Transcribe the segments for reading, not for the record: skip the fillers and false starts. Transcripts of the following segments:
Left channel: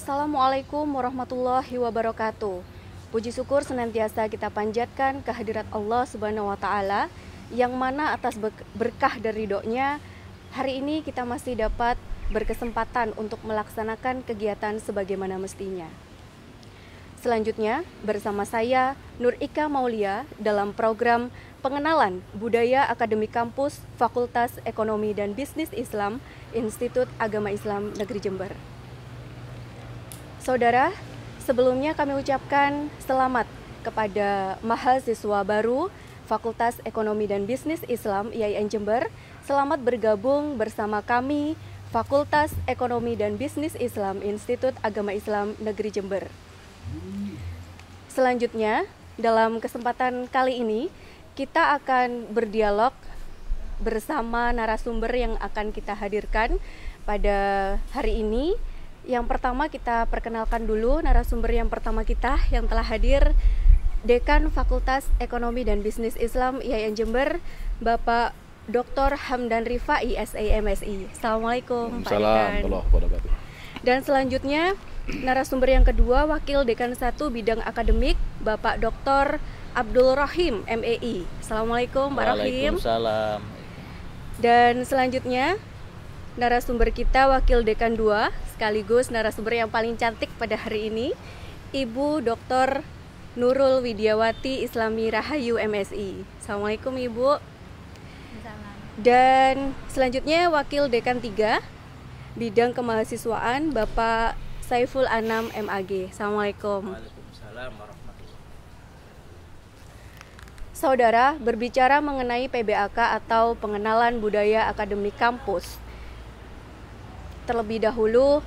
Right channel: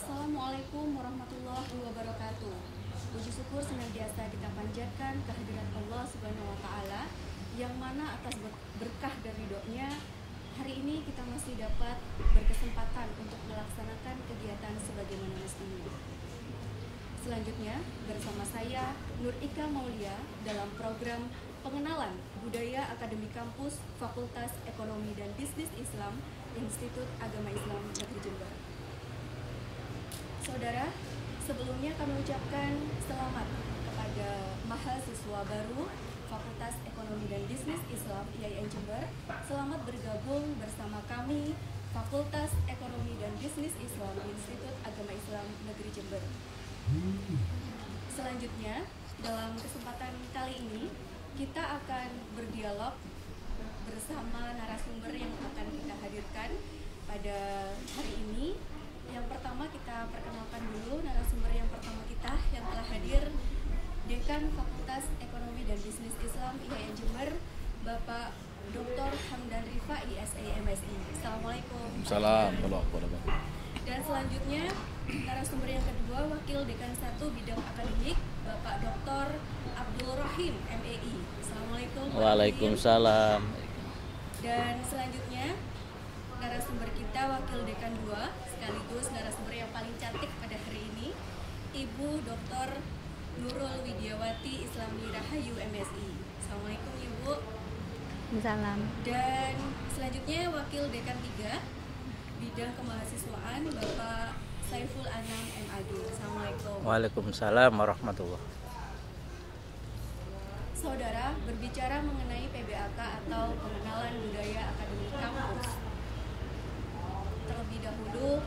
Assalamualaikum warahmatullahi wabarakatuh. Puji syukur senantiasa kita panjatkan kehadirat Allah Subhanahu wa taala yang mana atas berkah dan ridhonya hari ini kita masih dapat berkesempatan untuk melaksanakan kegiatan sebagaimana mestinya. Selanjutnya bersama saya Nur Ika Maulia dalam program Pengenalan Budaya Akademik Kampus Fakultas Ekonomi dan Bisnis Islam Institut Agama Islam Negeri Jember. Saudara, sebelumnya kami ucapkan selamat kepada mahasiswa baru Fakultas Ekonomi dan Bisnis Islam IAIN Jember. Selamat bergabung bersama kami Fakultas Ekonomi dan Bisnis Islam Institut Agama Islam Negeri Jember. Selanjutnya, dalam kesempatan kali ini kita akan berdialog bersama narasumber yang akan kita hadirkan pada hari ini. Yang pertama kita perkenalkan dulu narasumber yang pertama kita yang telah hadir, Dekan Fakultas Ekonomi dan Bisnis Islam IAIN Jember, Bapak Dr. Hamdan Rifai, SA MSI. Assalamualaikum Pak Dekan. Dan selanjutnya narasumber yang kedua, Wakil Dekan 1 Bidang Akademik, Bapak Dr. Abdul Rahim, MEI. Assalamualaikum Pak Rahim. Waalaikumsalam. Dan selanjutnya narasumber kita Wakil Dekan 2 sekaligus narasumber yang paling cantik pada hari ini, Ibu Dr. Nurul Widiawati Islami Rahayu MSI. Assalamualaikum Ibu. Salam. Dan selanjutnya Wakil Dekan 3 Bidang Kemahasiswaan, Bapak Saiful Anam MAG. Assalamualaikum. Waalaikumsalam warahmatullahi. Saudara, berbicara mengenai PBAK atau Pengenalan Budaya Akademik Kampus. Terlebih dahulu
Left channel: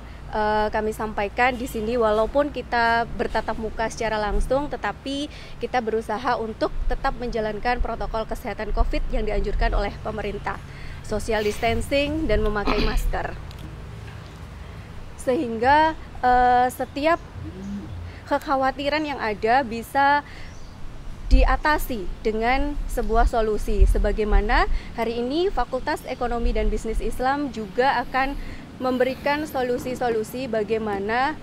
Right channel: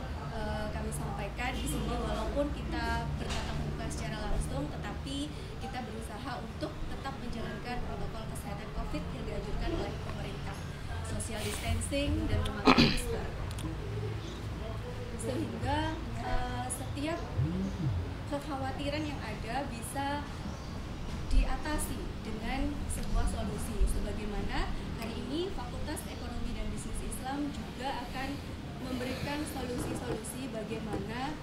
kami sampaikan di sini walaupun kita bertatap muka secara langsung, tetapi kita berusaha untuk tetap menjalankan protokol kesehatan COVID yang dianjurkan oleh pemerintah, social distancing dan memakai masker. Sehingga setiap kekhawatiran yang ada bisa diatasi dengan sebuah solusi. Sebagaimana hari ini Fakultas Ekonomi dan Bisnis Islam juga akan memberikan solusi-solusi bagaimana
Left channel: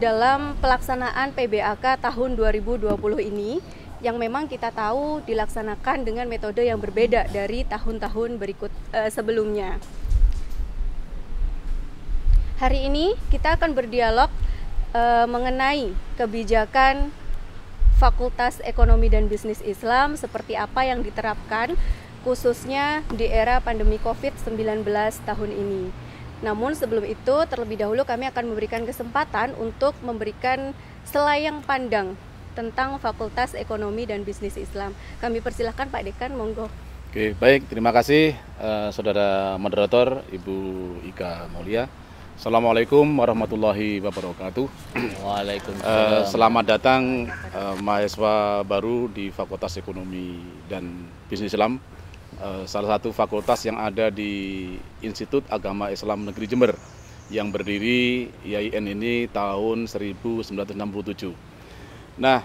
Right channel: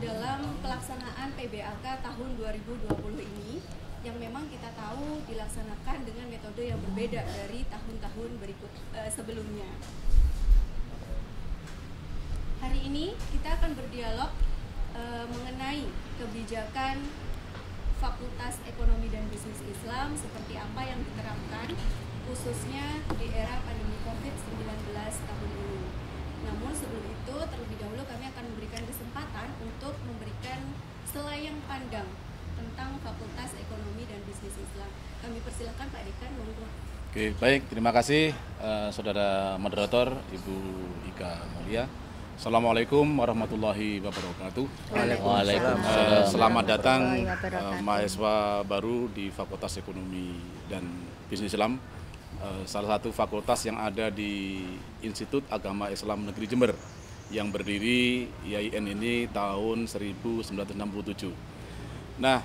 dalam pelaksanaan PBAK tahun 2020 ini yang memang kita tahu dilaksanakan dengan metode yang berbeda dari tahun-tahun sebelumnya. Hari ini kita akan berdialog mengenai kebijakan Fakultas Ekonomi dan Bisnis Islam seperti apa yang diterapkan khususnya di era pandemi COVID-19 tahun ini. Namun sebelum itu terlebih dahulu kami akan memberikan kesempatan untuk memberikan selayang pandang tentang Fakultas Ekonomi dan Bisnis Islam. Kami persilahkan Pak Dekan, monggo. Oke, baik, terima kasih Saudara Moderator Ibu Ika Maulia. Assalamualaikum warahmatullahi wabarakatuh. Waalaikumsalam. Selamat datang mahasiswa baru di Fakultas Ekonomi dan Bisnis Islam, salah satu fakultas yang ada di Institut Agama Islam Negeri Jember yang berdiri IAIN ini tahun 1967. Nah,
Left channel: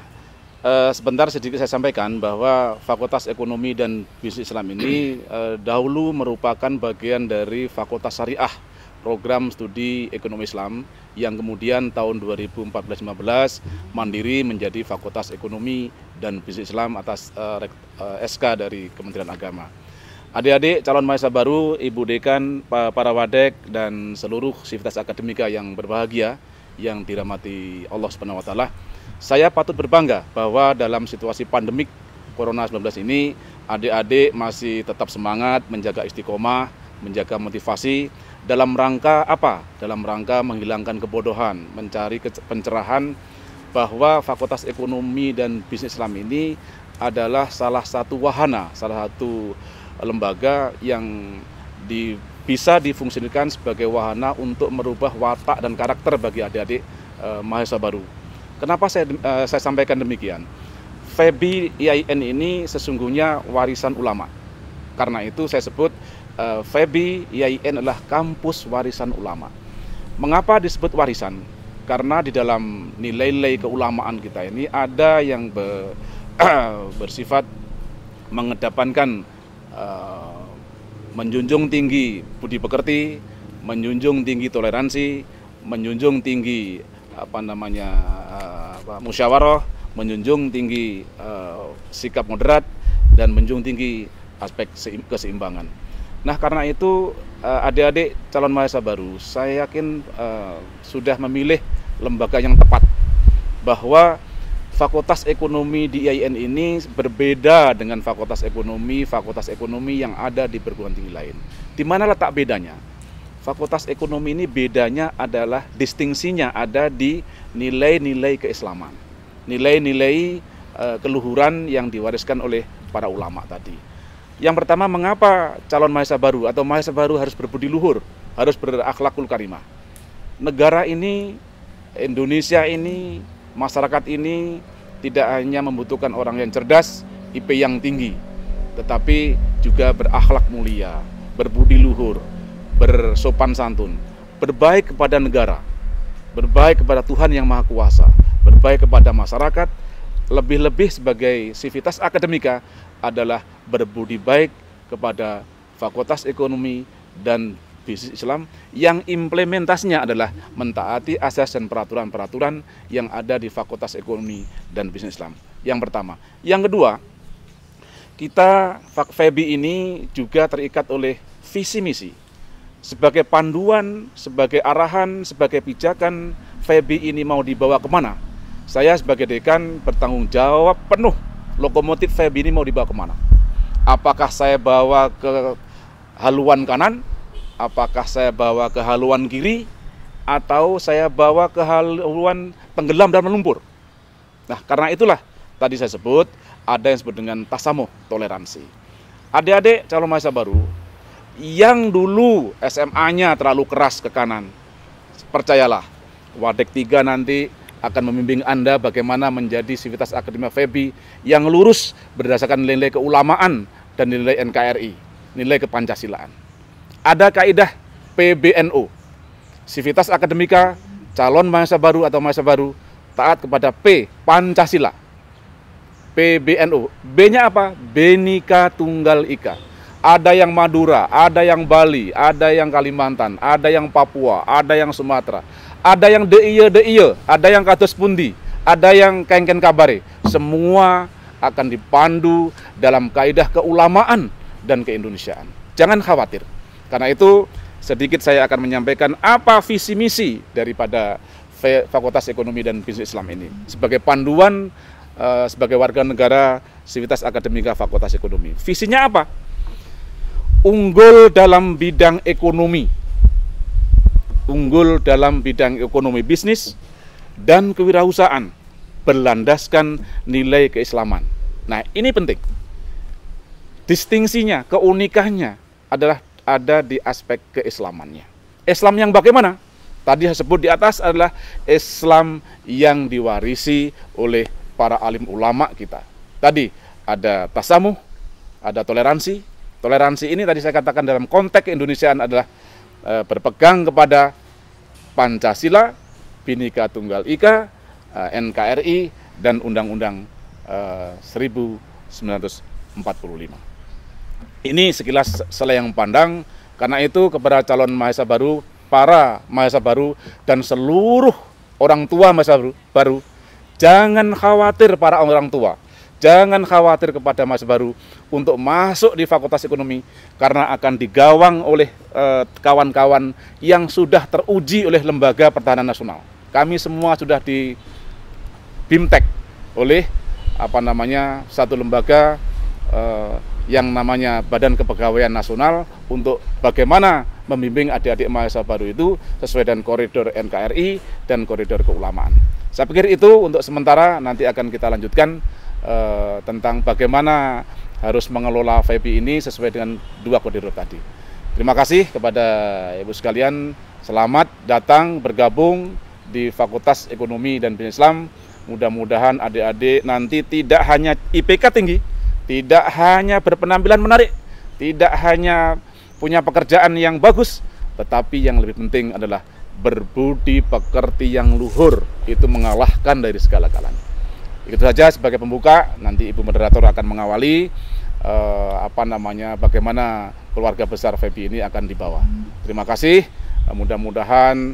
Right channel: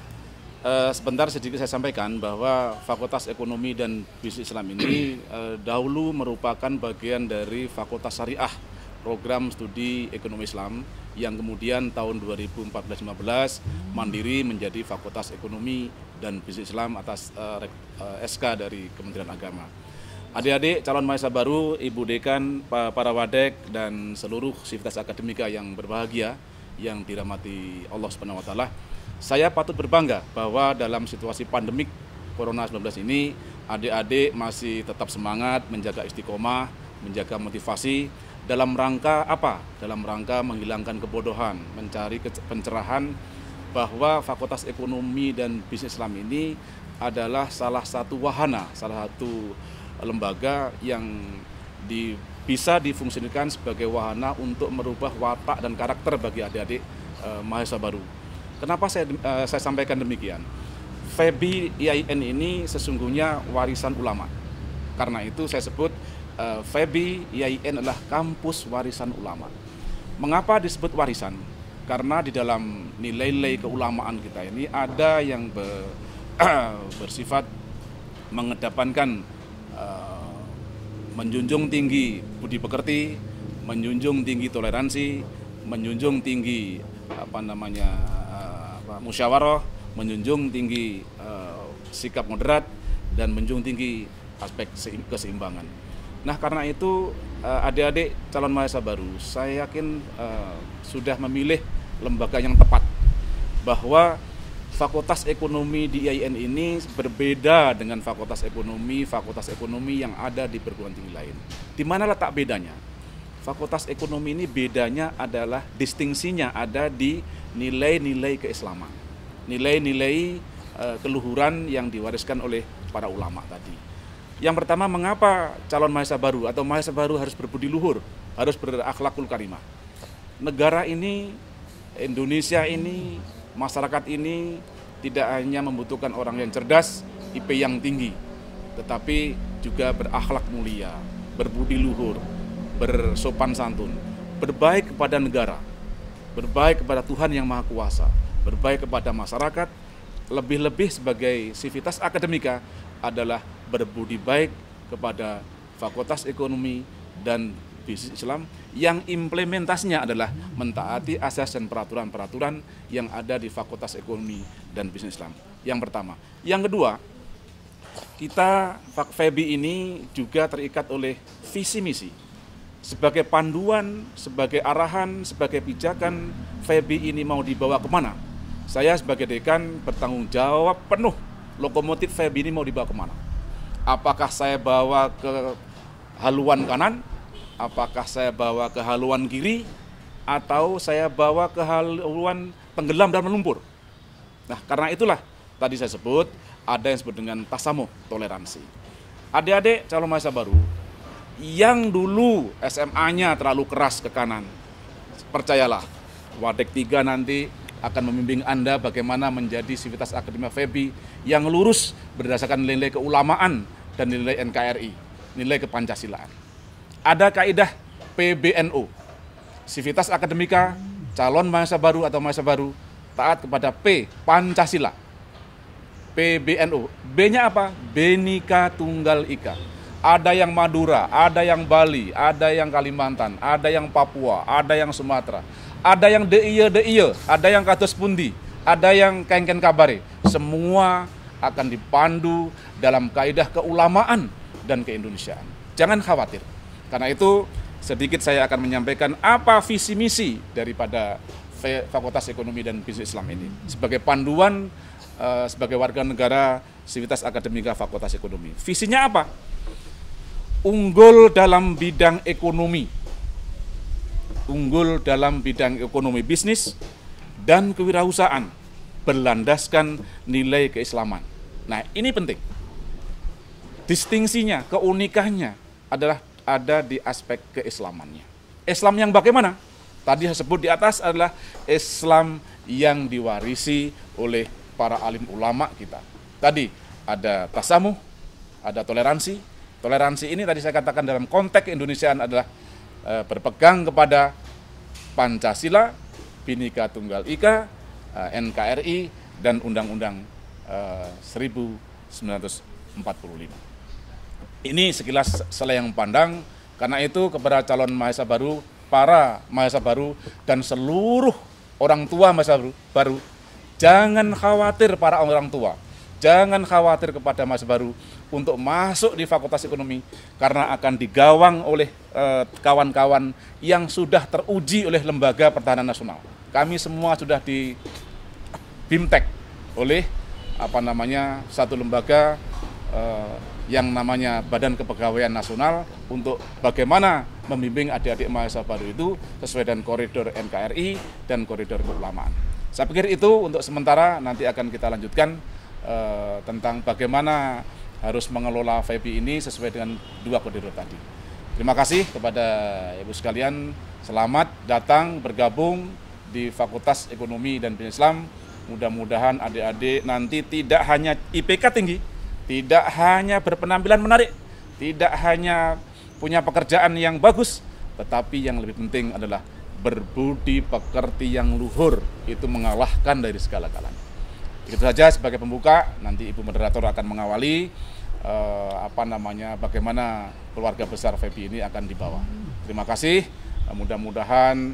sebentar sedikit saya sampaikan bahwa Fakultas Ekonomi dan Bisnis Islam ini dahulu merupakan bagian dari Fakultas Syariah Program Studi Ekonomi Islam yang kemudian tahun 2014-15 mandiri menjadi Fakultas Ekonomi dan Bisnis Islam atas SK dari Kementerian Agama. Adik-adik calon mahasiswa baru, Ibu Dekan, para wadek, dan seluruh sivitas akademika yang berbahagia yang dirahmati Allah Subhanahu wa taala, saya patut berbangga bahwa dalam situasi pandemik Corona 19 ini adik-adik masih tetap semangat menjaga istiqomah, menjaga motivasi dalam rangka apa? Dalam rangka menghilangkan kebodohan, mencari pencerahan bahwa Fakultas Ekonomi dan Bisnis Islam ini adalah salah satu wahana, salah satu lembaga yang bisa difungsikan sebagai wahana untuk merubah watak dan karakter bagi adik-adik mahasiswa baru. Kenapa saya sampaikan demikian? FEBI IAIN ini sesungguhnya warisan ulama. Karena itu saya sebut FEBI IAIN adalah kampus warisan ulama. Mengapa disebut warisan? Karena di dalam nilai-nilai keulamaan kita ini ada yang bersifat mengedepankan menjunjung tinggi budi pekerti, menjunjung tinggi toleransi, menjunjung tinggi musyawarah, menjunjung tinggi sikap moderat, dan menjunjung tinggi aspek keseimbangan. Nah, karena itu adik-adik calon mahasiswa baru, saya yakin sudah memilih lembaga yang tepat, bahwa Fakultas Ekonomi di IAIN ini berbeda dengan fakultas ekonomi yang ada di perguruan tinggi lain. Di mana letak bedanya? Fakultas Ekonomi ini bedanya adalah distingsinya ada di nilai-nilai keislaman, nilai-nilai keluhuran yang diwariskan oleh para ulama tadi. Yang pertama, mengapa calon mahasiswa baru atau mahasiswa baru harus berbudi luhur, harus berakhlakul karimah? Negara ini, Indonesia ini, masyarakat ini tidak hanya membutuhkan orang yang cerdas, IP yang tinggi, tetapi juga berakhlak mulia, berbudi luhur, bersopan santun, berbaik kepada negara, berbaik kepada Tuhan Yang Maha Kuasa, berbaik kepada masyarakat, lebih-lebih sebagai sivitas akademika adalah berbudi baik kepada Fakultas Ekonomi dan Bisnis Islam yang implementasinya adalah mentaati asas dan peraturan-peraturan yang ada di Fakultas Ekonomi dan Bisnis Islam. Yang pertama. Yang kedua, kita FEBI ini juga terikat oleh visi misi. Sebagai panduan, sebagai arahan, sebagai pijakan, FEBI ini mau dibawa kemana? Saya sebagai dekan bertanggung jawab penuh, lokomotif FEBI ini mau dibawa kemana? Apakah saya bawa ke haluan kanan? Apakah saya bawa ke haluan kiri, atau saya bawa ke haluan tenggelam dan melumpur? Nah, karena itulah tadi saya sebut ada yang disebut dengan tasamuh, toleransi. Adik-adik calon mahasiswa baru yang dulu SMA-nya terlalu keras ke kanan, percayalah, Wadek 3 nanti akan membimbing Anda bagaimana menjadi sivitas akademika FEBI yang lurus berdasarkan nilai keulamaan dan nilai NKRI, nilai kepancasilaan. Ada kaidah PBNU, sivitas akademika, calon mahasiswa baru atau mahasiswa baru taat kepada P, Pancasila. PBNU, B-nya apa? Bhinneka Tunggal Ika. Ada yang Madura, ada yang Bali, ada yang Kalimantan, ada yang Papua, ada yang Sumatera, ada yang DIY, ada yang Kados Pundi, ada yang Kengken Kabare. Semua akan dipandu dalam kaidah keulamaan dan keindonesiaan. Jangan khawatir. Karena itu sedikit saya akan menyampaikan apa visi misi daripada Fakultas Ekonomi dan Bisnis Islam ini sebagai panduan sebagai warga negara sivitas akademika Fakultas Ekonomi. Visinya apa? Unggul dalam bidang ekonomi, unggul dalam bidang ekonomi bisnis dan kewirausahaan berlandaskan nilai keislaman. Nah, ini penting. Distingsinya, keunikannya adalah ada di aspek keislamannya. Islam yang bagaimana? Tadi saya sebut di atas adalah Islam yang diwarisi oleh para alim ulama kita. Tadi ada tasamuh, ada toleransi. Toleransi ini tadi saya katakan dalam konteks keindonesiaan adalah berpegang kepada Pancasila, Bhinneka Tunggal Ika, NKRI, dan Undang-Undang 1945. Ini sekilas selayang pandang, karena itu kepada calon mahasiswa baru, para mahasiswa baru, dan seluruh orang tua mahasiswa baru, jangan khawatir para orang tua, jangan khawatir kepada mahasiswa baru untuk masuk di Fakultas Ekonomi, karena akan digawang oleh kawan-kawan yang sudah teruji oleh Lembaga Pertahanan Nasional. Kami semua sudah di BIMTEK oleh satu lembaga yang namanya Badan Kepegawaian Nasional untuk bagaimana membimbing adik-adik mahasiswa baru itu sesuai dengan koridor NKRI dan koridor keulamaan. Saya pikir itu untuk sementara, nanti akan kita lanjutkan tentang bagaimana harus mengelola FEBI ini sesuai dengan 2 koridor tadi. Terima kasih kepada Ibu sekalian, selamat datang bergabung di Fakultas Ekonomi dan Bisnis Islam. Mudah-mudahan adik-adik nanti tidak hanya IPK tinggi, tidak hanya berpenampilan menarik, tidak hanya punya pekerjaan yang bagus, tetapi yang lebih penting adalah berbudi pekerti yang luhur. Itu mengalahkan dari segala-galanya. Itu saja sebagai pembuka, nanti Ibu Moderator akan mengawali bagaimana keluarga besar FEBI ini akan dibawa. Terima kasih, mudah-mudahan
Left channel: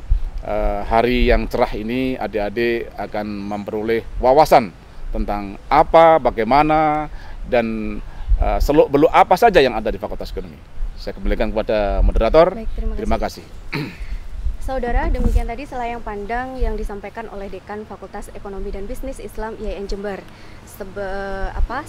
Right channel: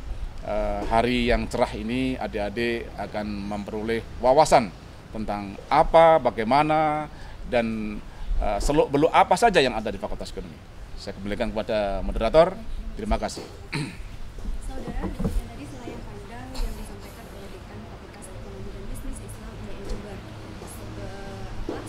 hari yang cerah ini adik-adik akan memperoleh wawasan tentang apa, bagaimana, dan seluk-beluk apa saja yang ada di Fakultas Ekonomi. Saya kembalikan kepada moderator. Baik, terima kasih. Saudara, demikian tadi selayang pandang yang disampaikan oleh Dekan Fakultas Ekonomi dan Bisnis Islam IAIN Jember.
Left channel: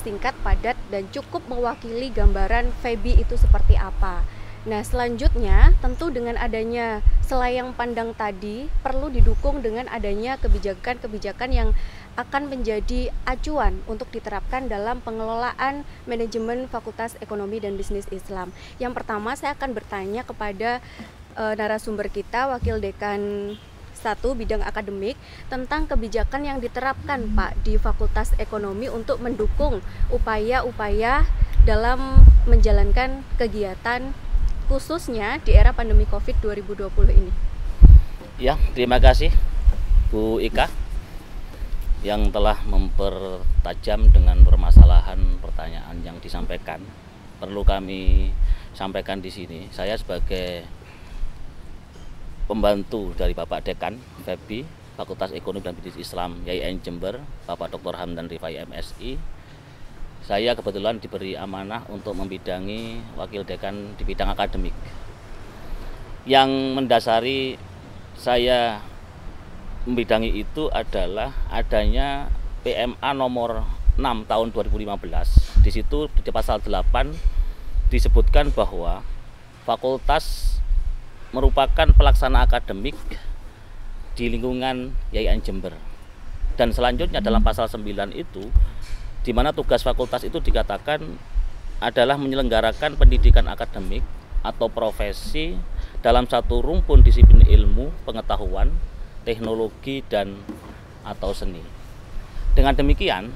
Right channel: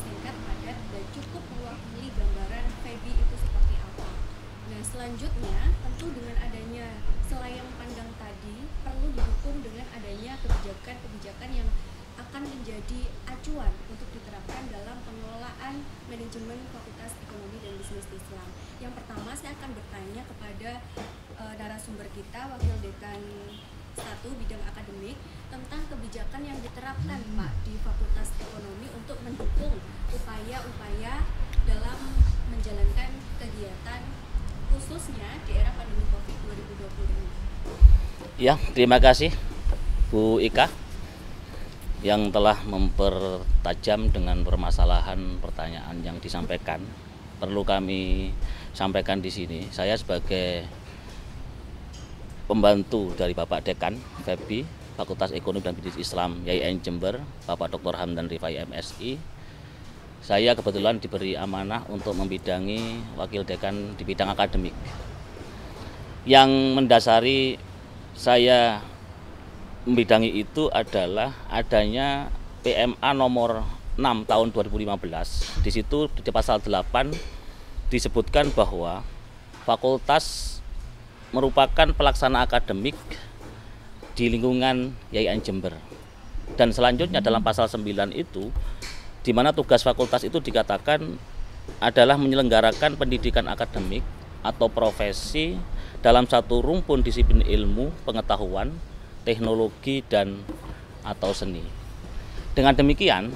Singkat, padat, dan cukup mewakili gambaran FEBI itu seperti apa. Nah, selanjutnya tentu dengan adanya selayang pandang tadi perlu didukung dengan adanya kebijakan-kebijakan yang akan menjadi acuan untuk diterapkan dalam pengelolaan manajemen Fakultas Ekonomi dan Bisnis Islam. Yang pertama, saya akan bertanya kepada narasumber kita, Wakil Dekan 1 Bidang Akademik, tentang kebijakan yang diterapkan Pak di Fakultas Ekonomi untuk mendukung upaya-upaya dalam menjalankan kegiatan khususnya di era pandemi Covid 2020 ini. Ya, terima kasih Bu Ika yang telah mempertajam dengan permasalahan pertanyaan yang disampaikan. Perlu kami sampaikan di sini, saya sebagai pembantu dari Bapak Dekan FEBI Fakultas Ekonomi dan Bisnis Islam IAIN Jember, Bapak Dr. Hamdan Rifai MSI, saya kebetulan diberi amanah untuk membidangi Wakil Dekan di bidang akademik. Yang mendasari saya membidangi itu adalah adanya PMA nomor 6 tahun 2015. Di situ di pasal 8 disebutkan bahwa fakultas merupakan pelaksana akademik di lingkungan IAIN Jember. Dan selanjutnya dalam pasal 9 itu, di mana tugas fakultas itu dikatakan adalah menyelenggarakan pendidikan akademik atau profesi dalam satu rumpun disiplin ilmu, pengetahuan, teknologi, dan atau seni. Dengan demikian,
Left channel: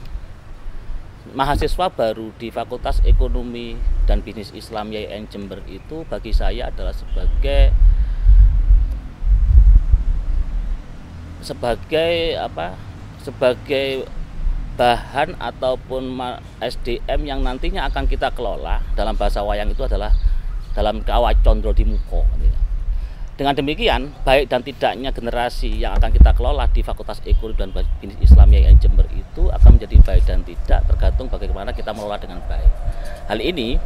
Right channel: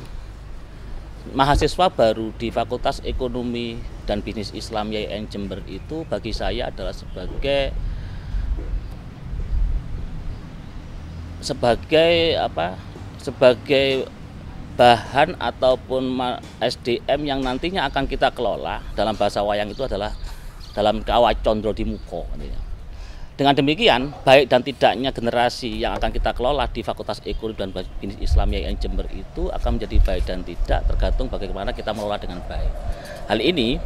mahasiswa baru di Fakultas Ekonomi dan Bisnis Islam IAIN Jember itu bagi saya adalah sebagai bahan ataupun SDM yang nantinya akan kita kelola. Dalam bahasa wayang itu adalah dalam kawat condro di muko. Dengan demikian, baik dan tidaknya generasi yang akan kita kelola di Fakultas Ekonomi dan Bisnis Islam IAIN Jember itu akan menjadi baik dan tidak, tergantung bagaimana kita mengelola dengan baik. Hal ini,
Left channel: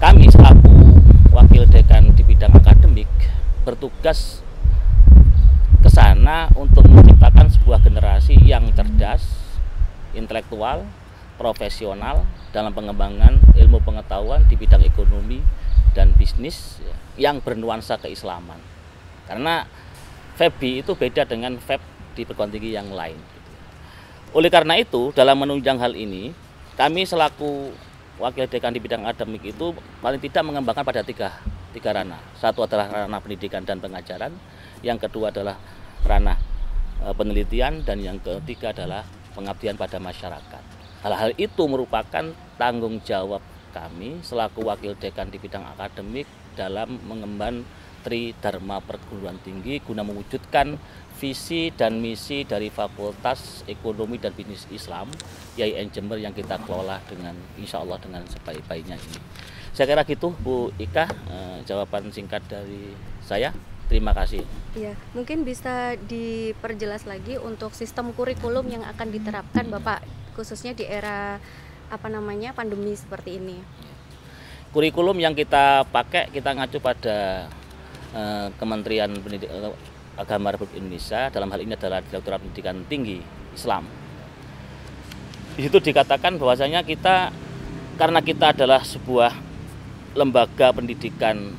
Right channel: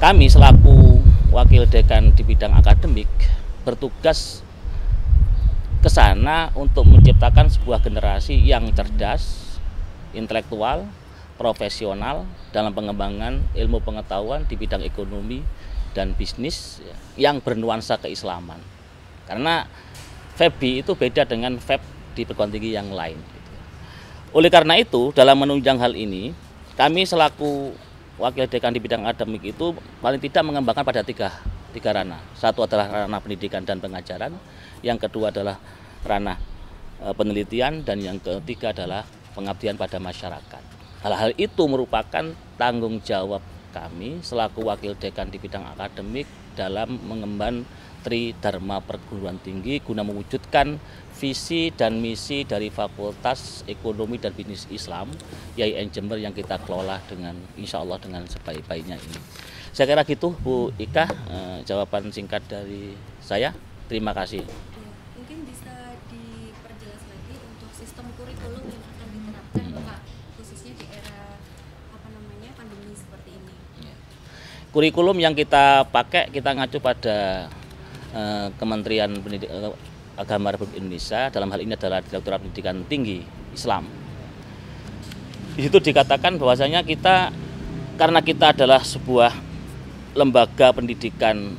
kami selaku Wakil Dekan di bidang akademik bertugas ke sana untuk menciptakan sebuah generasi yang cerdas, intelektual, profesional dalam pengembangan ilmu pengetahuan di bidang ekonomi dan bisnis yang bernuansa keislaman. Karena FEBI itu beda dengan FEB di perguruan tinggi yang lain. Oleh karena itu, dalam menunjang hal ini, kami selaku Wakil Dekan di bidang akademik itu paling tidak mengembangkan pada tiga ranah. Satu adalah ranah pendidikan dan pengajaran, yang kedua adalah ranah penelitian, dan yang ketiga adalah pengabdian pada masyarakat. Hal-hal itu merupakan tanggung jawab kami selaku Wakil Dekan di bidang akademik dalam mengemban Tridharma perguruan tinggi guna mewujudkan visi dan misi dari Fakultas Ekonomi dan Bisnis Islam IAIN Jember yang kita kelola dengan insya Allah dengan sebaik-baiknya ini. Saya kira gitu Bu Ika, jawaban singkat dari saya. Terima kasih. Ya, mungkin bisa diperjelas lagi untuk sistem kurikulum yang akan diterapkan Bapak khususnya di era pandemi seperti ini. Kurikulum yang kita pakai, kita ngacu pada Kementerian Agama Republik Indonesia, dalam hal ini adalah Direktorat Pendidikan Tinggi Islam. Di situ dikatakan bahwasanya karena kita adalah sebuah lembaga pendidikan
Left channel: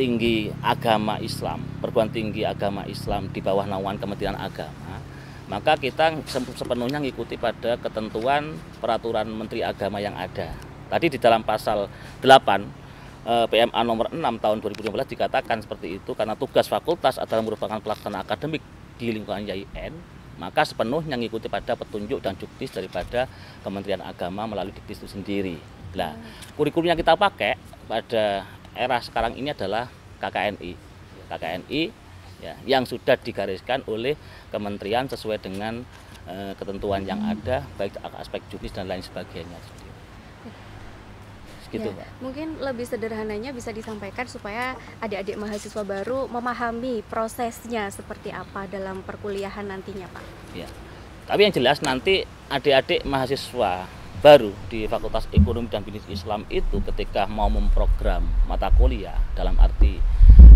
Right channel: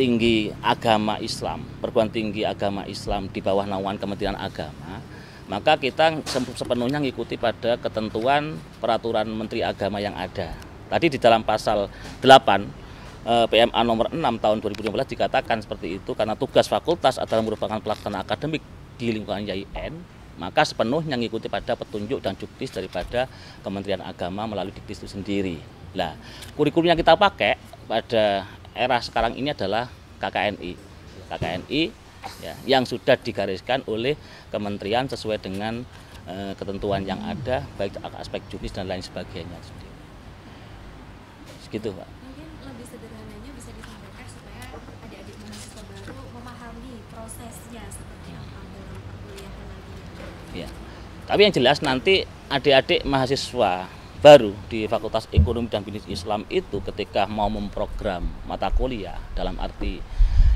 tinggi agama Islam, perguruan tinggi agama Islam di bawah naungan Kementerian Agama, maka kita sepenuhnya mengikuti pada ketentuan peraturan Menteri Agama yang ada. Tadi di dalam pasal 8 PMA nomor 6 tahun 2015 dikatakan seperti itu, karena tugas fakultas adalah merupakan pelaksana akademik di lingkungan IAIN, maka sepenuhnya mengikuti pada petunjuk dan juknis daripada Kementerian Agama melalui diktis itu sendiri. Nah, kurikulum yang kita pakai pada era sekarang ini adalah KKNI ya, yang sudah digariskan oleh kementerian sesuai dengan ketentuan yang ada, baik aspek juknis dan lain sebagainya. gitu, ya, Pak. mungkin lebih sederhananya bisa disampaikan supaya adik-adik mahasiswa baru memahami prosesnya seperti apa dalam perkuliahan nantinya, Pak. Ya. Tapi yang jelas nanti adik-adik mahasiswa baru di Fakultas Ekonomi dan Bisnis Islam itu ketika mau memprogram mata kuliah dalam arti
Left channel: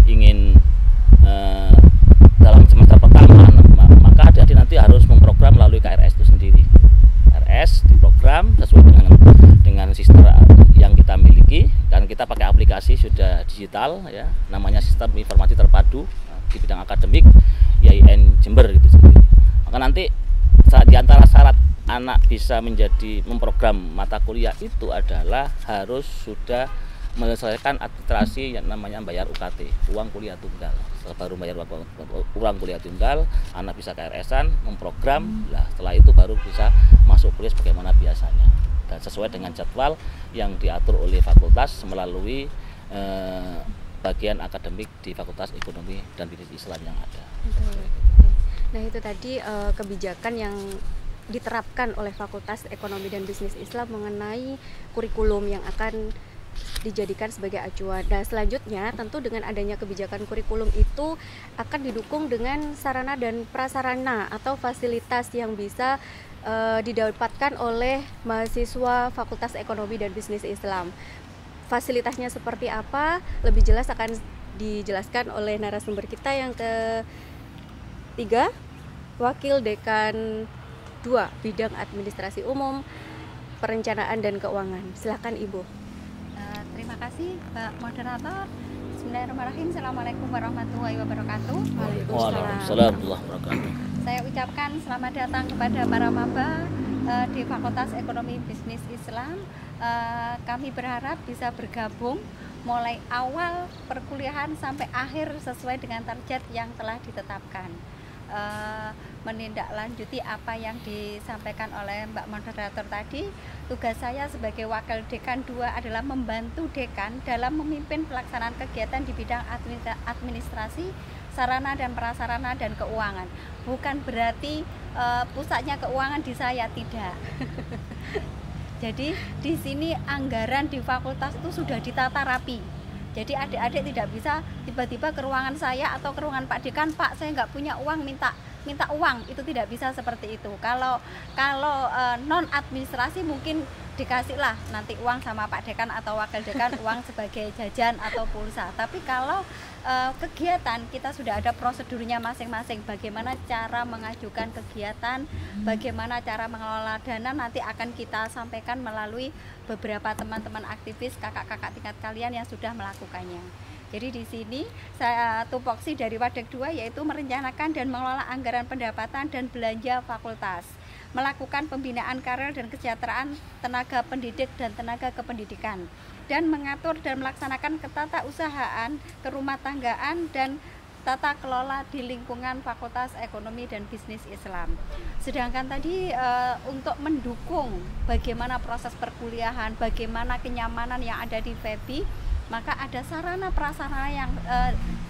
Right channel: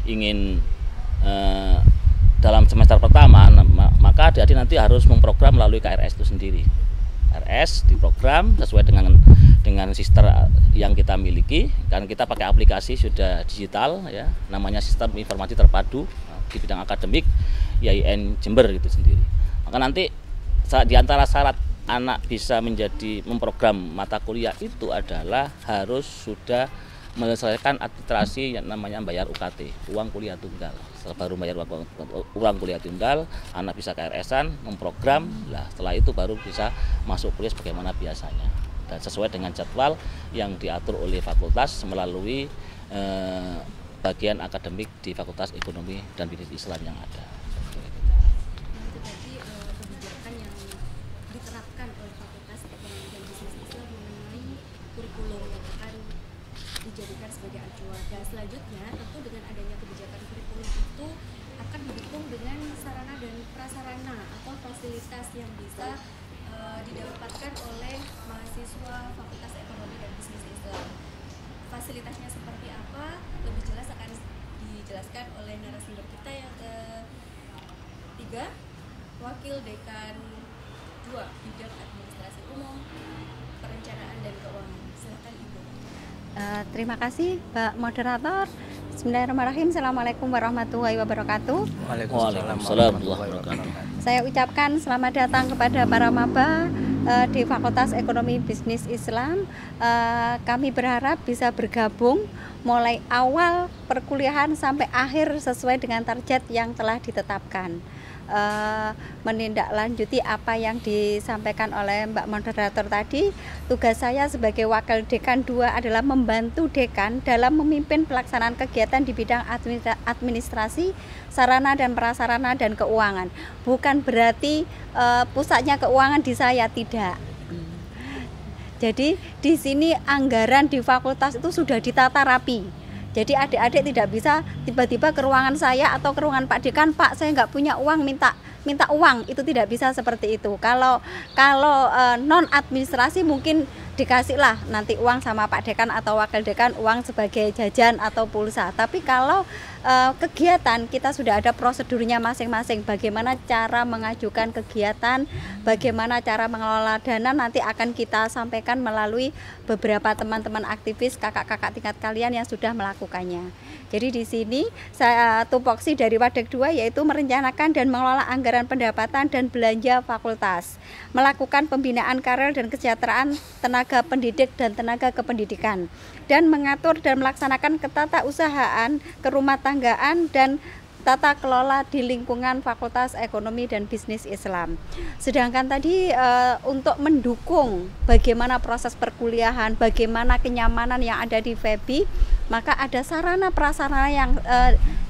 ingin dalam semester pertama, maka adik-adik nanti harus memprogram melalui KRS itu sendiri. KRS diprogram sesuai dengan sistem yang kita miliki, karena kita pakai aplikasi sudah digital ya, namanya Sistem Informasi Terpadu di bidang akademik IAIN Jember itu sendiri. Maka nanti di antara syarat anak bisa memprogram mata kuliah itu adalah harus sudah menyelesaikan administrasi yang namanya bayar UKT, uang kuliah tunggal. Setelah baru bayar uang kuliah tunggal, anak bisa KRS-an, memprogram, lah setelah itu baru bisa masuk kuliah sebagaimana biasanya. Dan sesuai dengan jadwal yang diatur oleh fakultas melalui bagian akademik di Fakultas Ekonomi dan Bisnis Islam yang ada. Nah itu tadi kebijakan yang diterapkan oleh Fakultas Ekonomi dan Bisnis Islam mengenai kurikulum yang akan dijadikan sebagai acuan. Nah selanjutnya tentu dengan adanya kebijakan kurikulum itu akan didukung dengan sarana dan prasarana atau fasilitas yang bisa didapatkan oleh mahasiswa Fakultas Ekonomi dan Bisnis Islam. Fasilitasnya seperti apa? Lebih jelas akan dijelaskan oleh narasumber kita yang ketiga, Wakil Dekan 2 Bidang Administrasi Umum, Perencanaan dan Keuangan. Silakan Ibu. Terima kasih Mbak Moderator. Bismillahirrahmanirrahim. Assalamualaikum warahmatullahi wabarakatuh. Waalaikumsalam warahmatullahi wabarakatuh. Saya ucapkan selamat datang kepada para maba di Fakultas Ekonomi Bisnis Islam. Kami berharap bisa bergabung mulai awal perkuliahan sampai akhir sesuai dengan target yang telah ditetapkan. Menindaklanjuti apa yang disampaikan oleh Mbak Moderator tadi, tugas saya sebagai Wakil Dekan 2 adalah membantu Dekan dalam memimpin pelaksanaan kegiatan di bidang administrasi, sarana dan prasarana dan keuangan. Bukan berarti pusatnya keuangan di saya, tidak. Jadi di sini anggaran di fakultas itu sudah ditata rapi. Jadi adik-adik tidak bisa tiba-tiba ke ruangan saya atau ke ruangan Pak Dekan, Pak saya nggak punya uang, minta uang, itu tidak bisa seperti itu. Kalau non administrasi mungkin dikasihlah nanti uang sama Pak Dekan atau Wakil Dekan, uang sebagai jajan atau pulsa. Tapi kalau kegiatan kita sudah ada prosedurnya masing-masing, bagaimana cara mengajukan kegiatan, bagaimana cara mengelola dana, nanti akan kita sampaikan melalui beberapa teman-teman aktivis, kakak-kakak tingkat kalian yang sudah melakukannya. Jadi di sini saya tupoksi dari Wadek 2 yaitu merencanakan dan mengelola anggaran pendapatan dan belanja fakultas, melakukan pembinaan karir dan kesejahteraan tenaga pendidik dan tenaga kependidikan, dan mengatur dan melaksanakan ketatausahaan, kerumah tanggaan dan tata kelola di lingkungan Fakultas Ekonomi dan Bisnis Islam. Sedangkan tadi untuk mendukung bagaimana proses perkuliahan, bagaimana kenyamanan yang ada di FEBI, maka ada sarana prasarana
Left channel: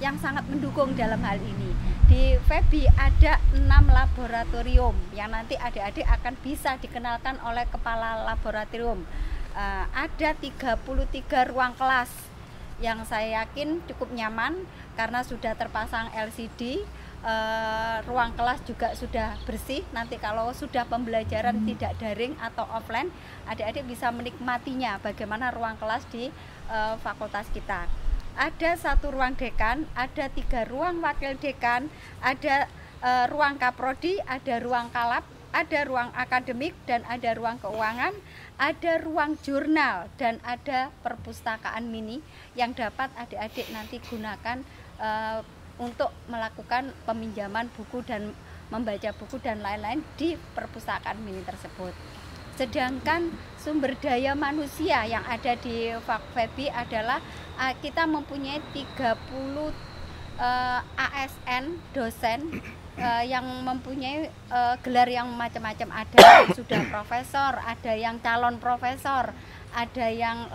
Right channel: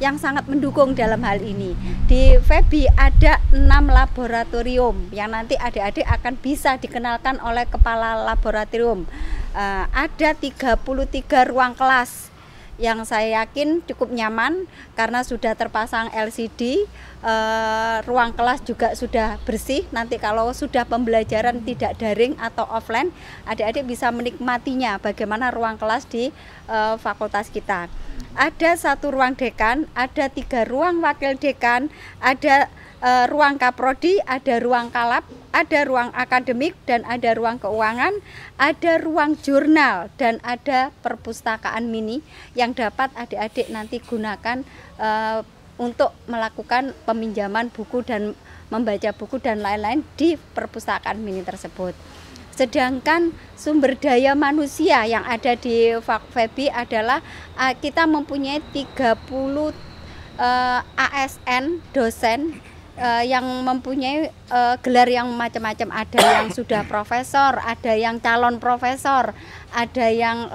yang sangat mendukung dalam hal ini. Di FEBI ada 6 laboratorium yang nanti adik-adik akan bisa dikenalkan oleh kepala laboratorium. Ada 33 ruang kelas yang saya yakin cukup nyaman karena sudah terpasang LCD, ruang kelas juga sudah bersih. Nanti kalau sudah pembelajaran tidak daring atau offline, adik-adik bisa menikmatinya bagaimana ruang kelas di fakultas kita. Ada 1 ruang dekan, ada 3 ruang wakil dekan, ada ruang kaprodi, ada ruang kalap, ada ruang akademik dan ada ruang keuangan, ada ruang jurnal dan ada perpustakaan mini yang dapat adik-adik nanti gunakan untuk melakukan peminjaman buku dan membaca buku dan lain-lain di perpustakaan mini tersebut. Sedangkan sumber daya manusia yang ada di FEBI adalah kita mempunyai 30 ASN dosen yang mempunyai gelar yang macam-macam. Ada yang sudah profesor, ada yang calon profesor, ada yang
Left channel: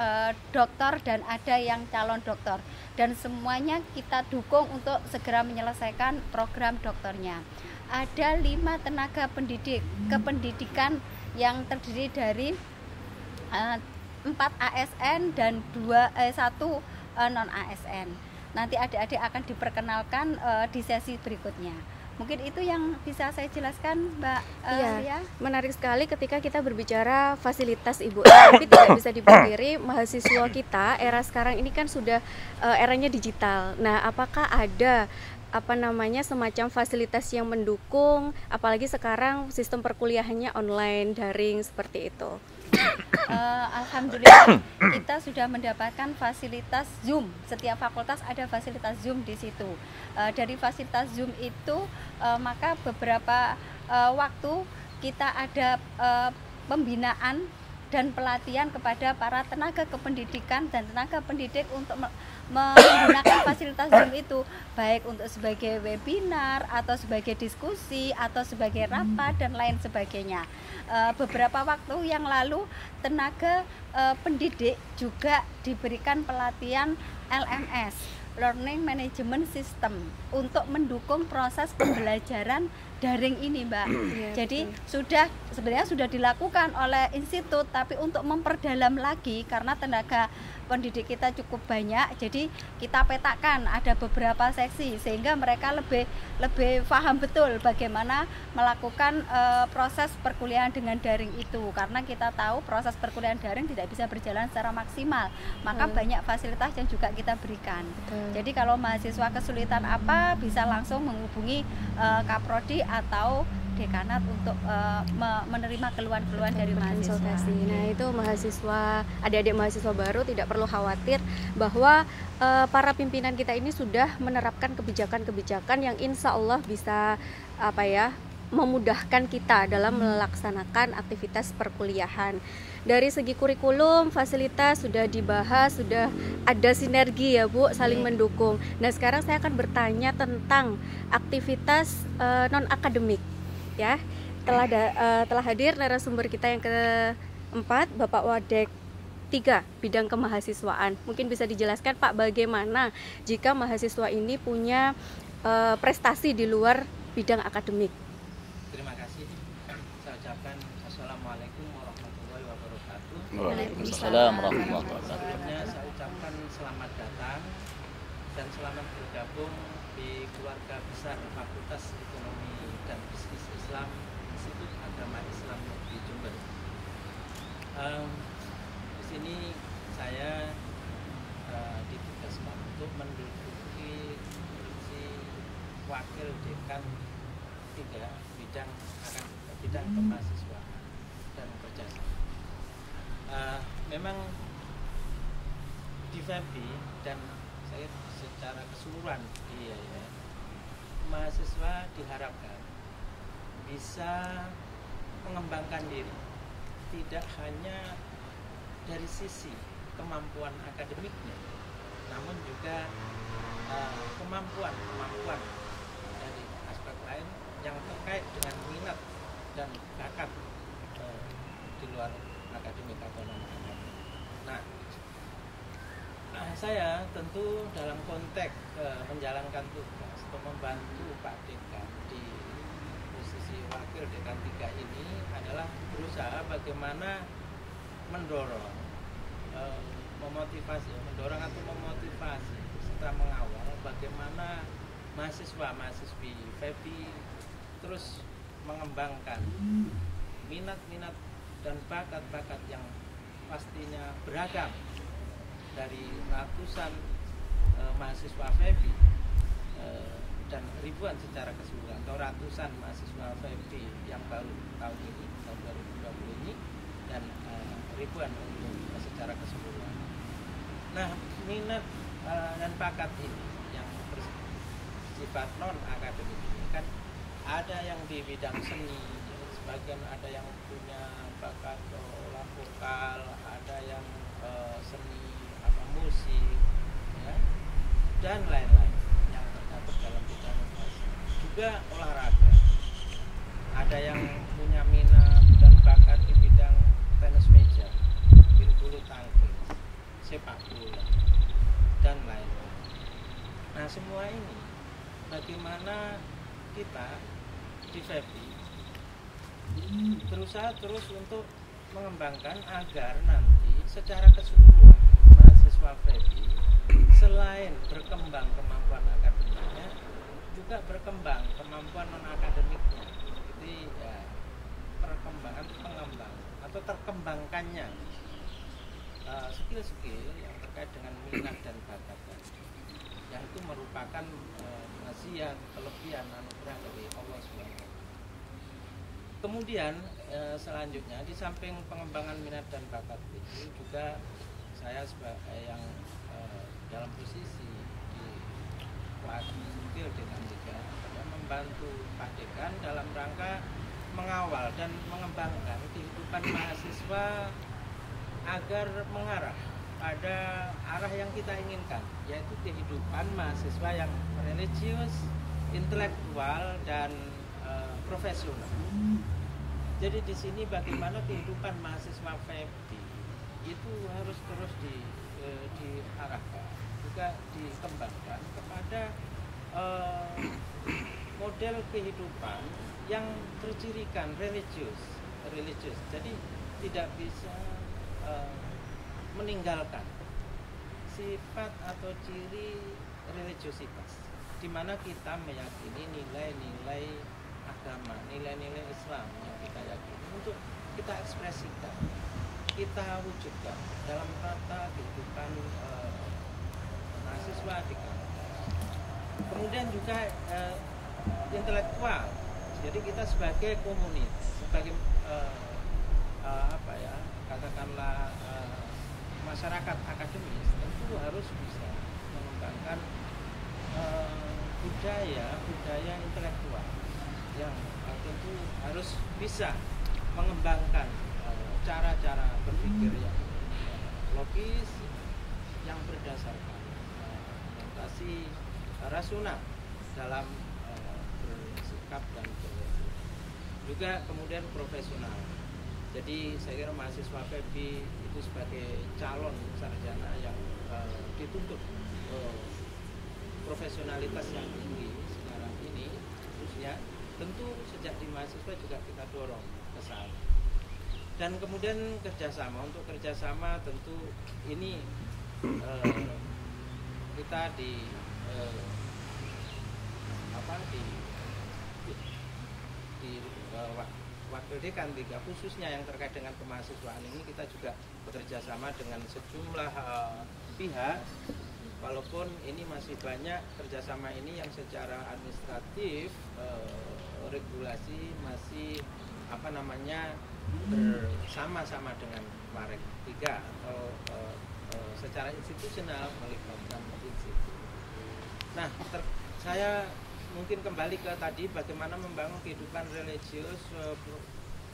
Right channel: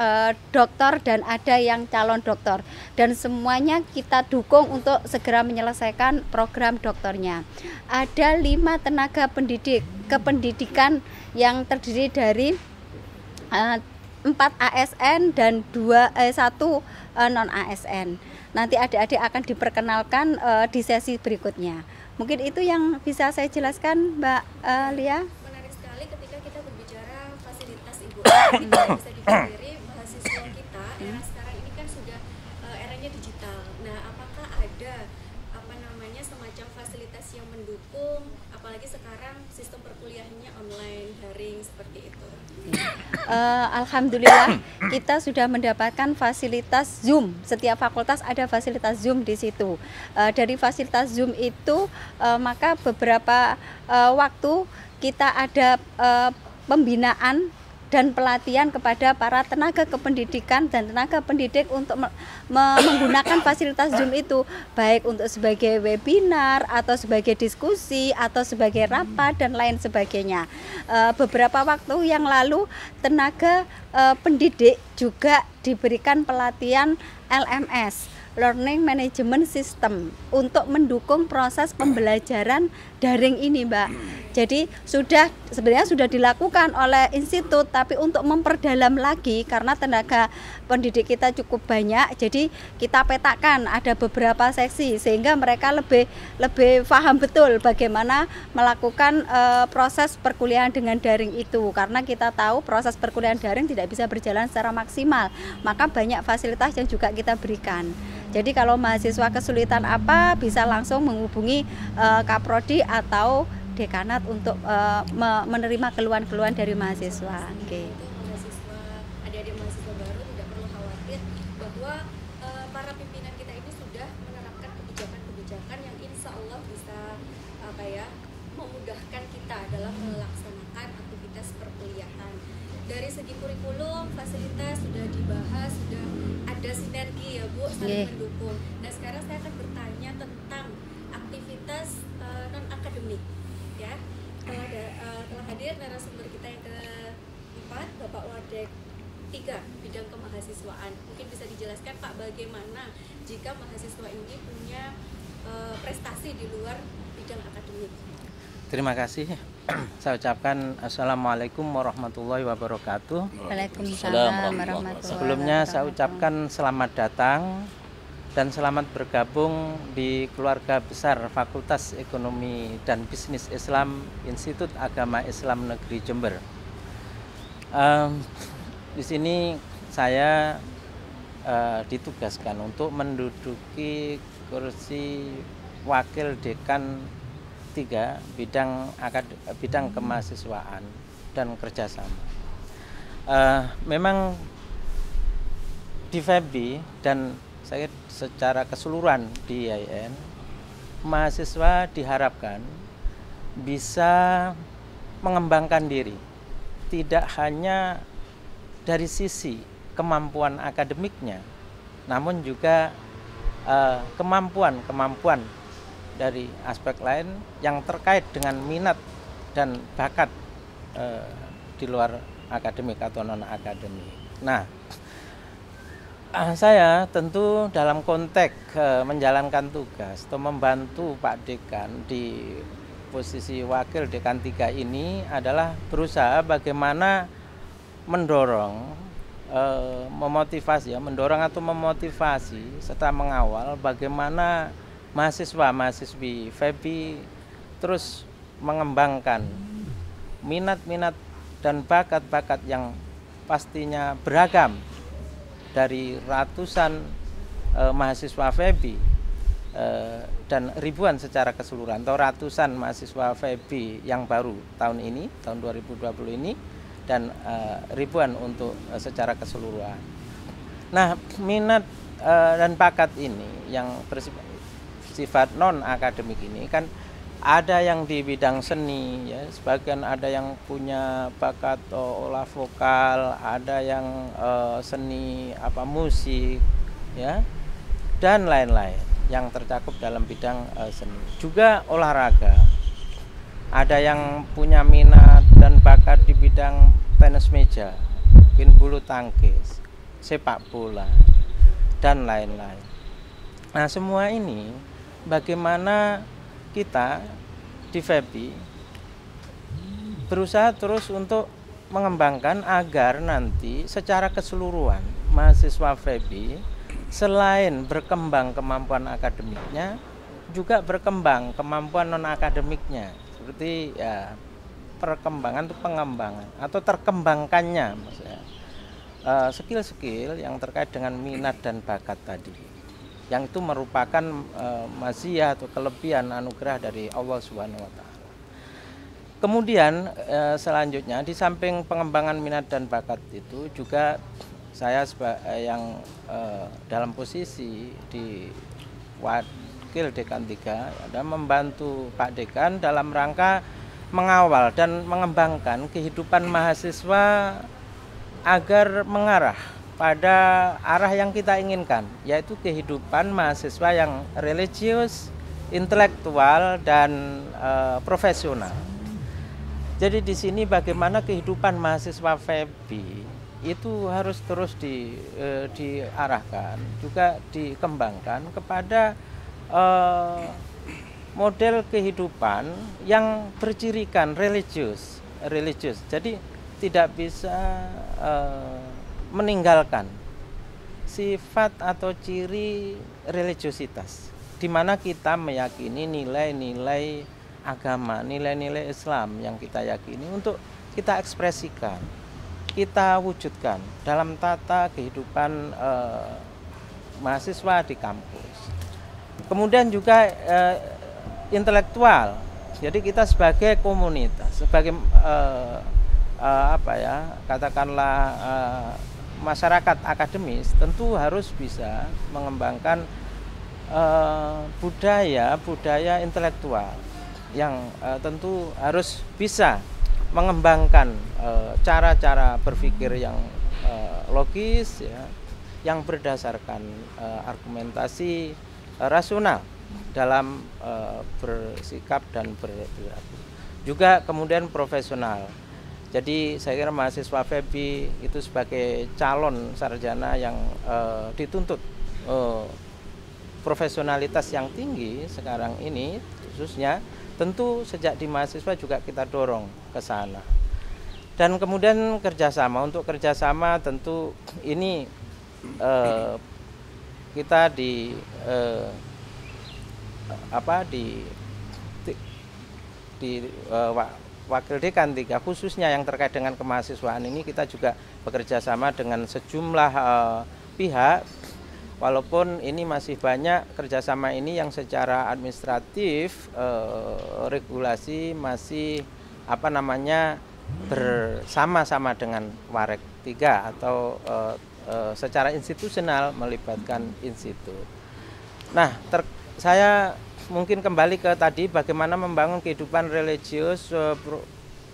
doktor dan ada yang calon doktor, dan semuanya kita dukung untuk segera menyelesaikan program doktornya. Ada 5 tenaga pendidik kependidikan yang terdiri dari 4 ASN dan 1 non ASN. Nanti adik-adik akan diperkenalkan di sesi berikutnya. Mungkin itu yang bisa saya jelaskan, Mbak Lia. Menarik sekali ketika kita berbicara fasilitas Ibu. Tapi tidak bisa dipungkiri mahasiswa kita era sekarang ini kan sudah eranya digital. Nah, apakah ada semacam fasilitas yang mendukung, apalagi sekarang sistem perkuliahannya online, daring seperti itu? Alhamdulillah kita sudah mendapatkan fasilitas Zoom. Setiap fakultas ada fasilitas Zoom di situ. Dari fasilitas Zoom itu maka beberapa waktu kita ada pembinaan dan pelatihan kepada para tenaga kependidikan dan tenaga pendidik untuk menggunakan fasilitas Zoom itu, baik untuk sebagai webinar atau sebagai diskusi atau sebagai rapat dan lain sebagainya. Beberapa waktu yang lalu tenaga pendidik juga diberikan pelatihan LMS, Learning Management System, untuk mendukung proses pembelajaran daring ini, Mbak. Jadi sebenarnya sudah dilakukan oleh institut, tapi untuk memperdalam lagi karena tenaga pendidik kita cukup banyak, jadi kita petakan ada beberapa seksi sehingga mereka lebih paham betul bagaimana melakukan proses perkuliahan dengan daring itu, karena kita tahu proses perkuliahan daring tidak bisa berjalan secara maksimal, maka banyak fasilitas yang juga kita berikan. Jadi kalau mahasiswa kesulitan apa bisa langsung menghubungi Kaprodi atau dekanat untuk menerima keluhan-keluhan dari mahasiswa. Nah, itu mahasiswa, adik-adik mahasiswa baru tidak perlu khawatir bahwa para pimpinan kita ini sudah menerapkan kebijakan-kebijakan yang insya Allah bisa memudahkan kita dalam melaksanakan aktivitas perkuliahan. Dari segi kurikulum, fasilitas sudah dibahas, sudah ada sinergi ya Bu, saling mendukung. Nah, sekarang saya akan bertanya tentang aktivitas non akademik ya. Telah hadir narasumber kita yang keempat, Bapak Wadek 3 bidang kemahasiswaan. Mungkin bisa dijelaskan Pak bagaimana jika mahasiswa ini punya prestasi di luar bidang akademik. Terima kasih. Saya ucapkan Assalamualaikum warahmatullahi wabarakatuh. Waalaikumsalam warahmatullahi wabarakatuh. Sebelumnya saya ucapkan selamat datang dan selamat bergabung di keluarga besar Fakultas Ekonomi dan Bisnis Islam Institut Agama Islam Negeri Jember. Di sini saya ditugaskan untuk menduduki kursi Wakil Dekan 3 bidang kemahasiswaan dan kerjasama. Memang di FEBI dan saya secara keseluruhan di IAIN, mahasiswa diharapkan bisa mengembangkan diri, tidak hanya dari sisi kemampuan akademiknya, namun juga kemampuan dari aspek lain yang terkait dengan minat dan bakat di luar akademik atau non akademik. Nah, saya tentu dalam konteks menjalankan tugas atau membantu Pak Dekan di posisi Wakil Dekan 3 ini adalah berusaha bagaimana mendorong, mendorong atau memotivasi serta mengawal bagaimana mahasiswa-mahasiswi FEBI terus mengembangkan minat-minat dan bakat-bakat yang pastinya beragam dari ratusan mahasiswa FEBI dan ribuan secara keseluruhan atau ratusan mahasiswa FEBI yang baru tahun ini, tahun 2020 ini, dan ribuan untuk secara keseluruhan. Nah, minat dan bakat ini yang bersifat non akademik ini kan ada yang di bidang seni ya, sebagian ada yang punya bakat olah vokal, ada yang seni musik ya, dan lain-lain yang tercakup dalam bidang seni. Juga olahraga, ada yang punya minat dan bakat di bidang tenis meja, mungkin bulu tangkis, sepak bola, dan lain-lain. Nah, semua ini bagaimana kita di FEBI berusaha terus untuk mengembangkan agar nanti secara keseluruhan mahasiswa FEBI selain berkembang kemampuan akademiknya juga berkembang kemampuan non akademiknya, seperti ya perkembangan atau pengembangan atau terkembangkannya maksudnya skill-skill yang terkait dengan minat dan bakat tadi, yang itu merupakan maziyah atau kelebihan anugerah dari Allah Subhanahu wa Ta'ala. Kemudian selanjutnya di samping pengembangan minat dan bakat itu juga saya yang dalam posisi di wakil Dekan 3 ada membantu Pak Dekan dalam rangka mengawal dan mengembangkan kehidupan mahasiswa agar mengarah pada arah yang kita inginkan, yaitu kehidupan mahasiswa yang religius, intelektual, dan profesional. Jadi di sini bagaimana kehidupan mahasiswa FEBI itu harus terus diarahkan, juga dikembangkan kepada model kehidupan yang bercirikan religius. Jadi tidak bisa meninggalkan sifat atau ciri religiositas, di mana kita meyakini nilai-nilai agama, nilai-nilai Islam yang kita yakini untuk kita ekspresikan, kita wujudkan dalam tata kehidupan mahasiswa di kampus. Kemudian juga intelektual. Jadi kita sebagai komunitas, sebagai katakanlah masyarakat akademis tentu harus bisa mengembangkan budaya intelektual yang tentu harus bisa mengembangkan cara-cara berpikir yang logis, ya, yang berdasarkan argumentasi rasional dalam bersikap dan berperilaku. Juga kemudian profesional. Jadi saya kira mahasiswa FEBI itu sebagai calon sarjana yang dituntut profesionalitas yang tinggi sekarang ini, khususnya tentu sejak di mahasiswa juga kita dorong ke sana. Dan kemudian kerjasama, untuk kerjasama tentu ini kita di Wakil Dekan 3 khususnya yang terkait dengan kemahasiswaan ini kita juga bekerja sama dengan sejumlah pihak, walaupun ini masih banyak kerjasama ini yang secara administratif regulasi masih bersama-sama dengan Warek 3 atau secara institusional melibatkan institut. Nah, saya mungkin kembali ke tadi bagaimana membangun kehidupan religius,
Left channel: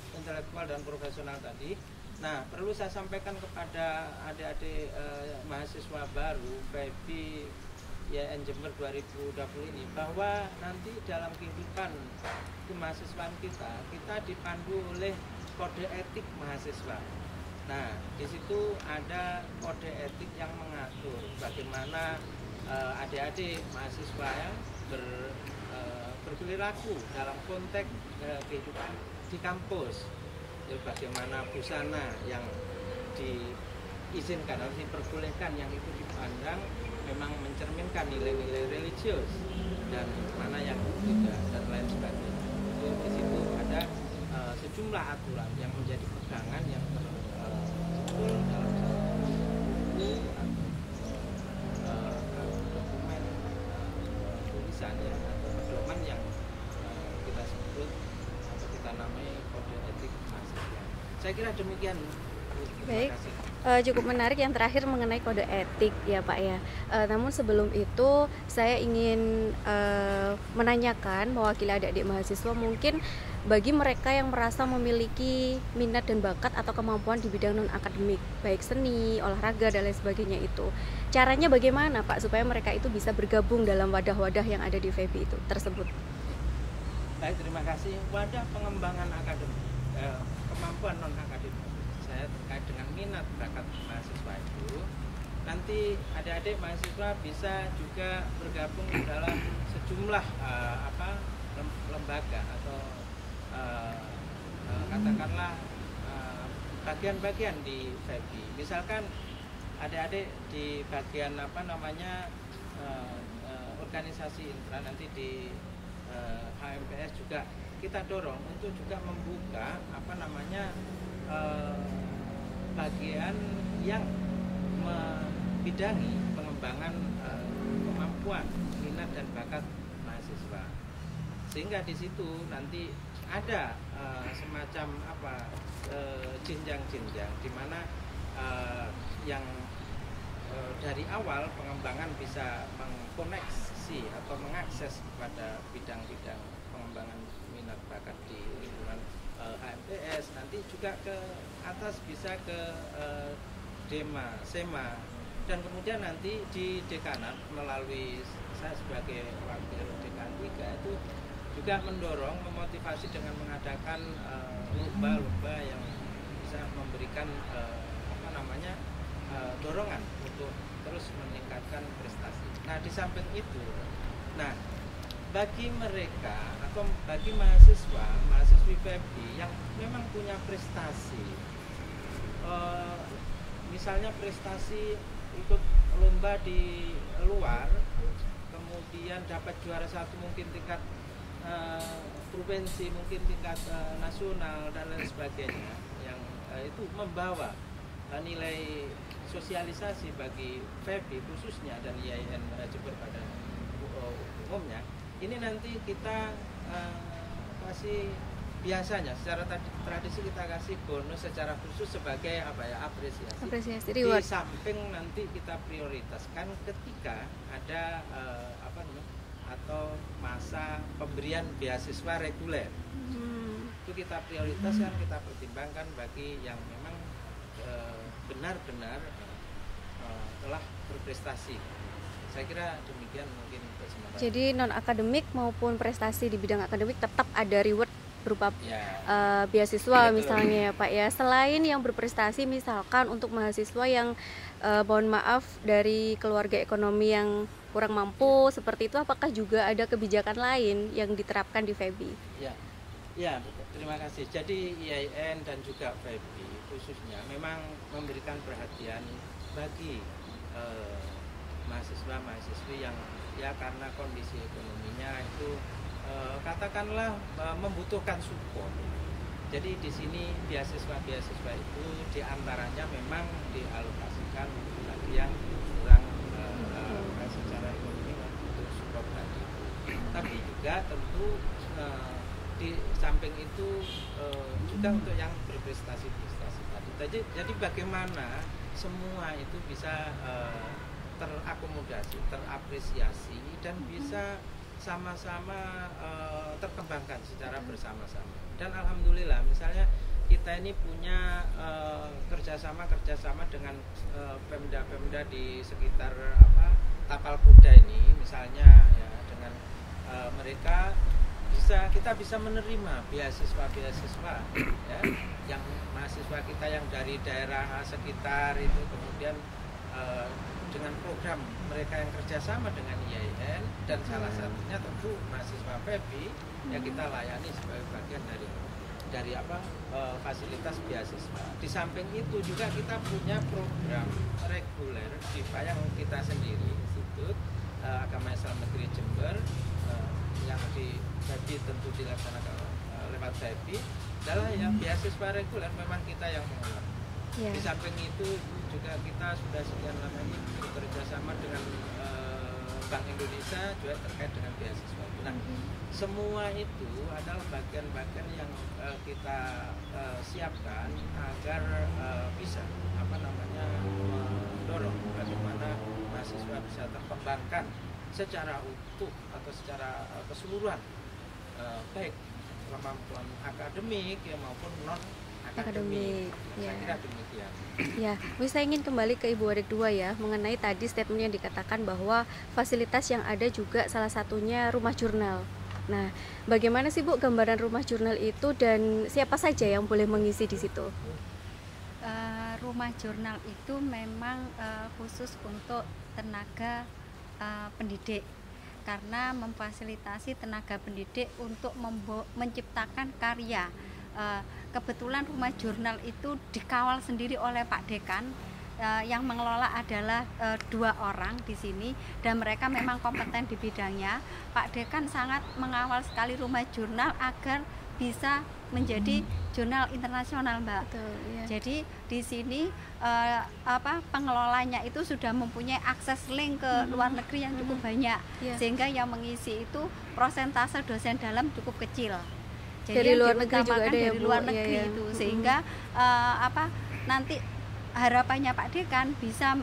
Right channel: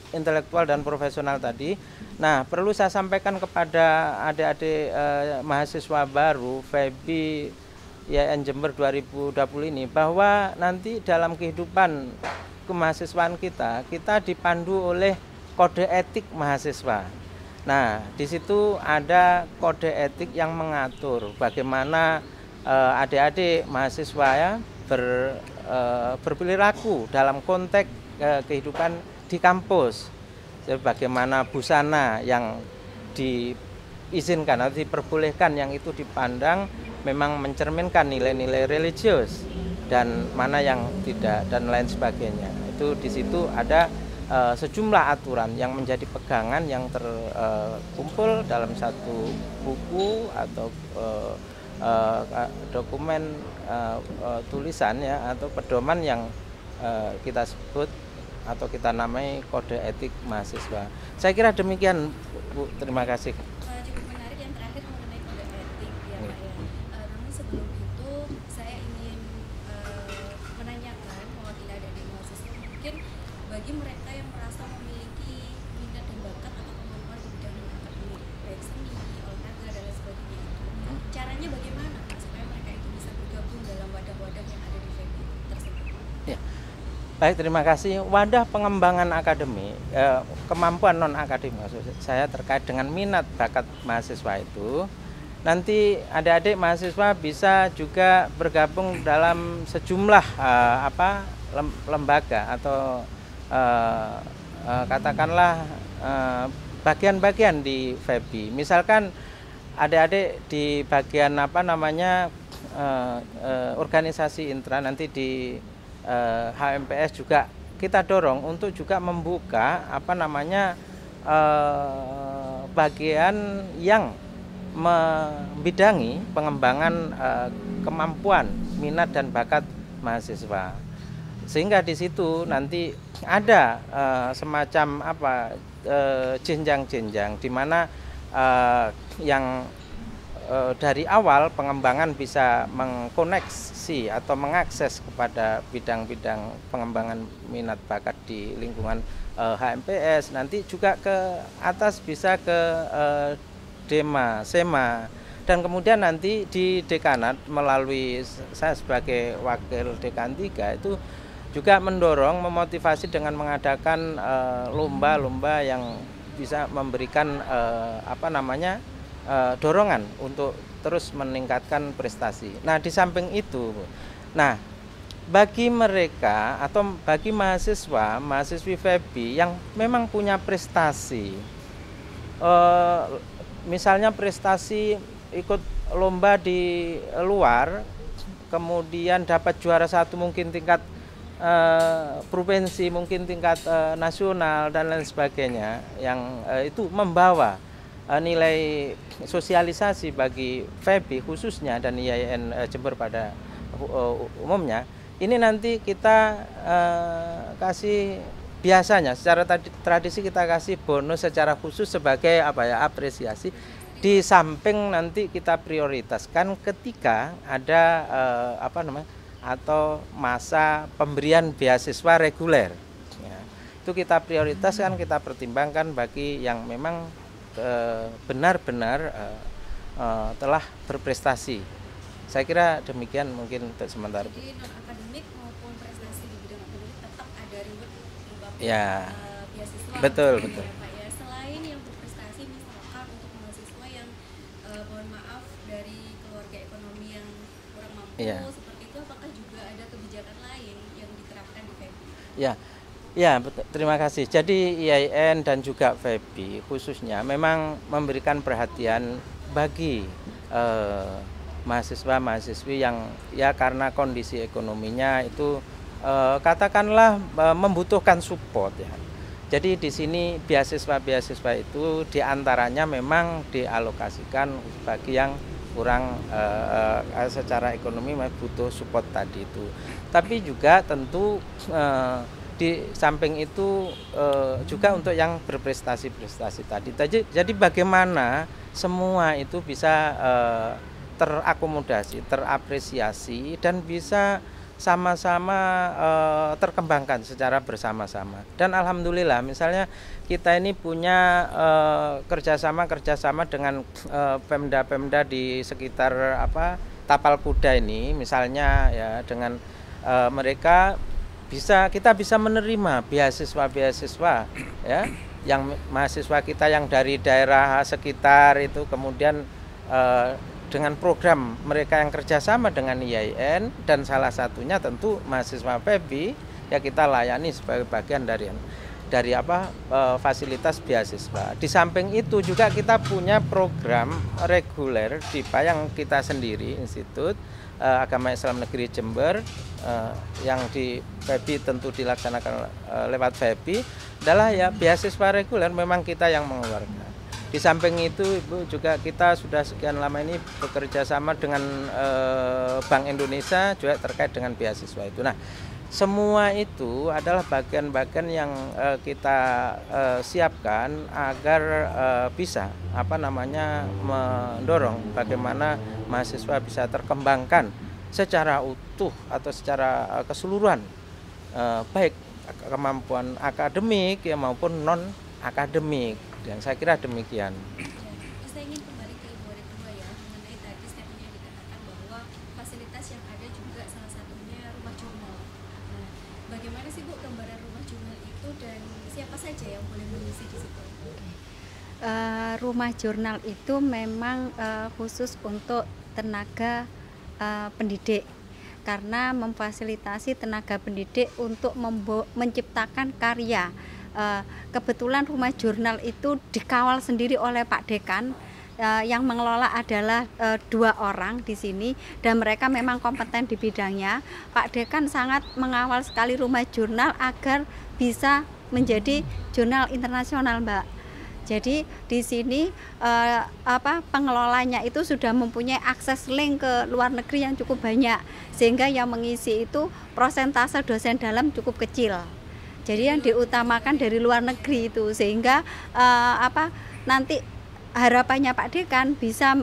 intelektual dan profesional tadi. Nah, perlu saya sampaikan kepada adik-adik mahasiswa baru FEBI YN Jember 2020 ini bahwa nanti dalam kehidupan kemahasiswaan kita dipandu oleh kode etik mahasiswa. Nah, di situ ada kode etik yang mengatur bagaimana adik-adik mahasiswa ya berperilaku dalam konteks kehidupan di kampus. Bagaimana busana yang diizinkan atau diperbolehkan yang itu dipandang memang mencerminkan nilai-nilai religius dan mana yang tidak dan lain sebagainya. Itu di situ ada sejumlah aturan yang menjadi pegangan yang terkumpul dalam satu buku atau dokumen tulisan ya atau pedoman yang kita sebut atau kita namai kode etik mahasiswa. Saya kira demikian, Bu. Terima kasih. Cukup menarik yang terakhir mengenai kode etik ya Pak ya. Namun sebelum itu saya ingin menanyakan mewakili adik-adik mahasiswa, mungkin bagi mereka yang merasa memiliki minat dan bakat atau kemampuan di bidang non akademik, baik seni, olahraga dan lain sebagainya, itu caranya bagaimana Pak supaya mereka itu bisa bergabung dalam wadah-wadah yang ada di FEBI itu tersebut? Ya. Baik, terima kasih. Wadah pengembangan akademik, kemampuan non akademik saya terkait dengan minat bakat mahasiswa itu, nanti adik-adik mahasiswa bisa juga bergabung dalam sejumlah lembaga atau katakanlah bagian-bagian di FEBI. Misalkan adik-adik di bagian organisasi intra, nanti di HMPS juga kita dorong untuk juga membuka bagian yang membidangi pengembangan kemampuan, minat dan bakat mahasiswa. Sehingga di situ nanti ada semacam jenjang-jenjang di mana yang dari awal pengembangan bisa mengkoneksi atau mengakses kepada bidang-bidang pengembangan minat bakat di lingkungan HMPS, nanti juga ke atas bisa ke Dema, Sema, dan kemudian nanti di dekanat melalui saya sebagai wakil dekan 3 itu juga mendorong, memotivasi dengan mengadakan lomba-lomba yang bisa memberikan dorongan untuk terus meningkatkan prestasi. Nah, di samping itu, bagi mereka atau bagi mahasiswi FEBI yang memang punya prestasi, misalnya prestasi ikut lomba di luar, kemudian dapat juara 1 mungkin tingkat provinsi, mungkin tingkat nasional dan lain sebagainya, yang itu membawa nilai sosialisasi bagi FEBI khususnya dan IAIN Jember pada umumnya. Ini nanti kita kasih, biasanya secara tradisi kita kasih bonus secara khusus sebagai apresiasi. Di samping nanti kita prioritaskan ketika ada atau masa pemberian beasiswa reguler. Itu kita prioritaskan, kita pertimbangkan bagi yang memang benar-benar telah berprestasi. Saya kira demikian mungkin untuk sementara. Jadi non akademik maupun prestasi di bidang akademik tetap ada reward berupa beasiswa. Betul. Misalnya ya Pak ya. Selain yang berprestasi, misalkan untuk mahasiswa yang mohon maaf dari keluarga ekonomi yang kurang mampu seperti itu, apakah juga ada kebijakan lain yang diterapkan di FEBI? Ya, betul. Terima kasih. Jadi IAIN dan juga FEBI khususnya memang memberikan perhatian bagi mahasiswa-mahasiswi yang ya karena kondisi ekonominya itu katakanlah membutuhkan support ya. Jadi di sini beasiswa-beasiswa itu diantaranya memang dialokasikan bagi yang kurang secara ekonomi butuh support tadi itu. Tapi juga tentu di samping itu juga untuk yang berprestasi-prestasi tadi. Jadi bagaimana semua itu bisa terakomodasi, terapresiasi dan bisa sama-sama terkembangkan secara bersama-sama. Dan alhamdulillah misalnya kita ini punya kerjasama dengan Pemda-Pemda di sekitar Tapal Kuda ini, misalnya ya dengan mereka kita bisa menerima beasiswa ya, yang mahasiswa kita yang dari daerah sekitar itu kemudian dengan program mereka yang kerjasama dengan IAIN dan salah satunya tentu mahasiswa FEBI ya kita layani sebagai bagian dari fasilitas beasiswa. Di samping itu juga kita punya program reguler di yang kita sendiri Institut Agama Islam Negeri Jember yang di FEBI tentu dilaksanakan lewat FEBI adalah ya beasiswa reguler memang kita yang mengeluarkan. Di samping itu Ibu juga kita sudah sekian lama ini bekerja sama dengan Bank Indonesia juga terkait dengan beasiswa itu. Nah, semua itu adalah bagian-bagian yang kita siapkan agar bisa mendorong bagaimana mahasiswa bisa terkembangkan secara utuh atau secara keseluruhan, baik kemampuan akademik ya maupun non akademik. Dan saya kira demikian. Ya, saya ingin kembali ke Ibu Wadik 2 ya, mengenai tadi statement yang dikatakan bahwa fasilitas yang ada juga salah satunya rumah jurnal. Nah, bagaimana sih Bu gambaran rumah jurnal itu dan siapa saja yang boleh mengisi di situ? Rumah jurnal itu memang khusus untuk tenaga pendidik, karena memfasilitasi tenaga pendidik untuk menciptakan karya kebetulan rumah jurnal itu dikawal sendiri oleh Pak Dekan. Yang mengelola adalah 2 orang di sini dan mereka memang kompeten di bidangnya. Pak Dekan sangat mengawal sekali rumah jurnal agar bisa menjadi jurnal internasional, Mbak. Jadi di sini pengelolanya itu sudah mempunyai akses link ke luar negeri yang cukup banyak, sehingga yang mengisi itu prosentase dosen dalam cukup kecil. Jadi yang diutamakan dari luar negeri itu, sehingga nanti harapannya Pak Dekan bisa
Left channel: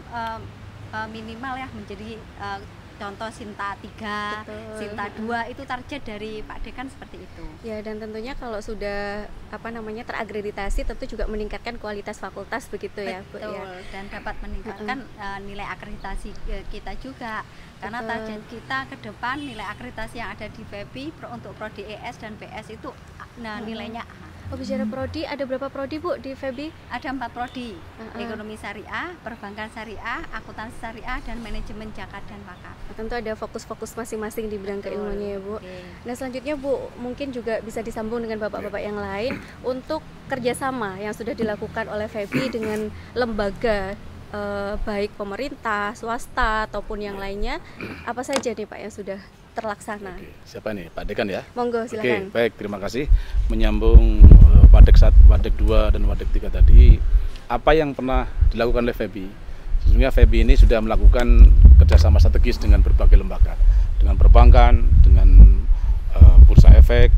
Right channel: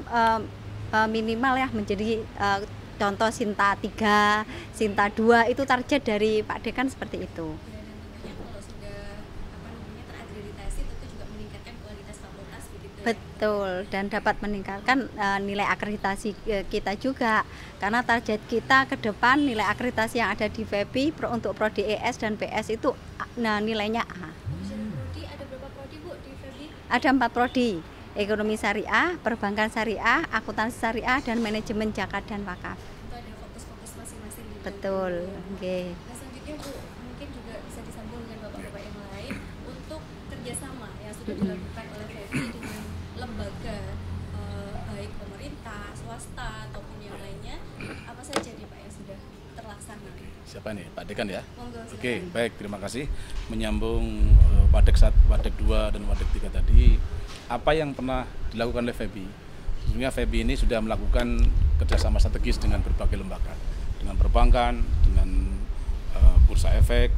minimal ya menjadi contoh Sinta 3, Sinta 2 itu target dari Pak Dekan seperti itu. Ya, dan tentunya kalau sudah terakreditasi tentu juga meningkatkan kualitas fakultas begitu ya, Bu. Betul, dan dapat meningkatkan nilai akreditasi kita juga. Karena target kita ke depan nilai akreditasi yang ada di FEBI untuk prodi ES dan PS itu nilainya A. Oh, bicara prodi, ada berapa prodi, Bu, di FEBI? Ada 4 prodi. Ekonomi syariah, perbankan syariah, akuntansi syariah, dan manajemen zakat dan wakaf. Tentu ada fokus-fokus masing-masing di bidang keilmuannya, Bu. Nah, selanjutnya, Bu, mungkin juga bisa disambung dengan bapak-bapak yang lain untuk kerjasama yang sudah dilakukan oleh FEBI dengan lembaga baik pemerintah, swasta ataupun yang lainnya. Apa saja nih Pak yang sudah terlaksana? Siapa nih, Pak Dekan ya? Monggo, silakan. Oke, baik, terima kasih. Menyambung Wadek 1, Wadek 2 dan Wadek 3 tadi, apa yang pernah dilakukan oleh FEBI? Sesungguhnya FEBI ini sudah melakukan kerjasama strategis dengan berbagai lembaga, dengan perbankan, dengan bursa efek,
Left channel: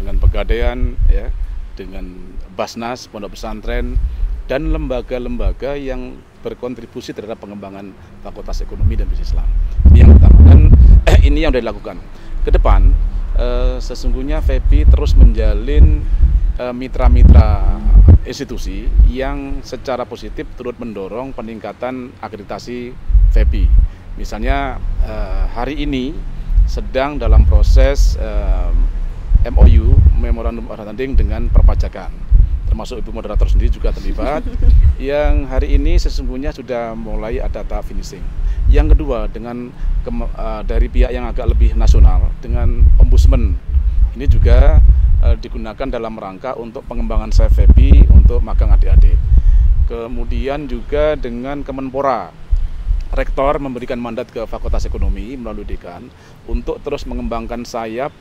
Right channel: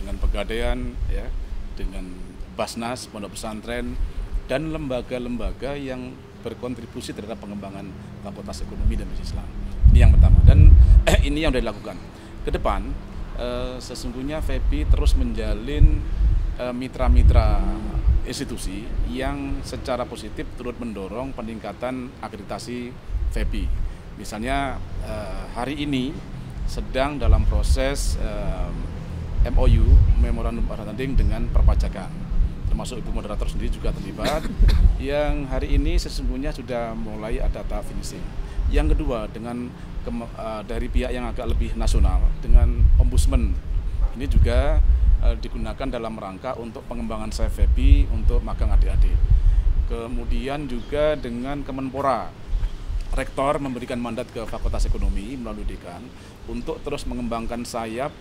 dengan pegadaian, ya, dengan Basnas, pondok pesantren, dan lembaga-lembaga yang berkontribusi terhadap pengembangan Fakultas Ekonomi dan Bisnis Islam. Ini yang pertama, dan ini yang sudah dilakukan. Ke depan, sesungguhnya FEBI terus menjalin mitra-mitra institusi yang secara positif turut mendorong peningkatan akreditasi FEBI. Misalnya hari ini sedang dalam proses MOU, Memorandum Understanding dengan perpajakan, termasuk Ibu Moderator sendiri juga terlibat, yang hari ini sesungguhnya sudah mulai ada tahap finishing. Yang kedua, dengan dari pihak yang agak lebih nasional, dengan Ombudsman, ini juga digunakan dalam rangka untuk pengembangan FEBI untuk magang adik-adik. Kemudian juga dengan Kemenpora, Rektor memberikan mandat ke Fakultas Ekonomi melalui Dekan untuk terus mengembangkan sayap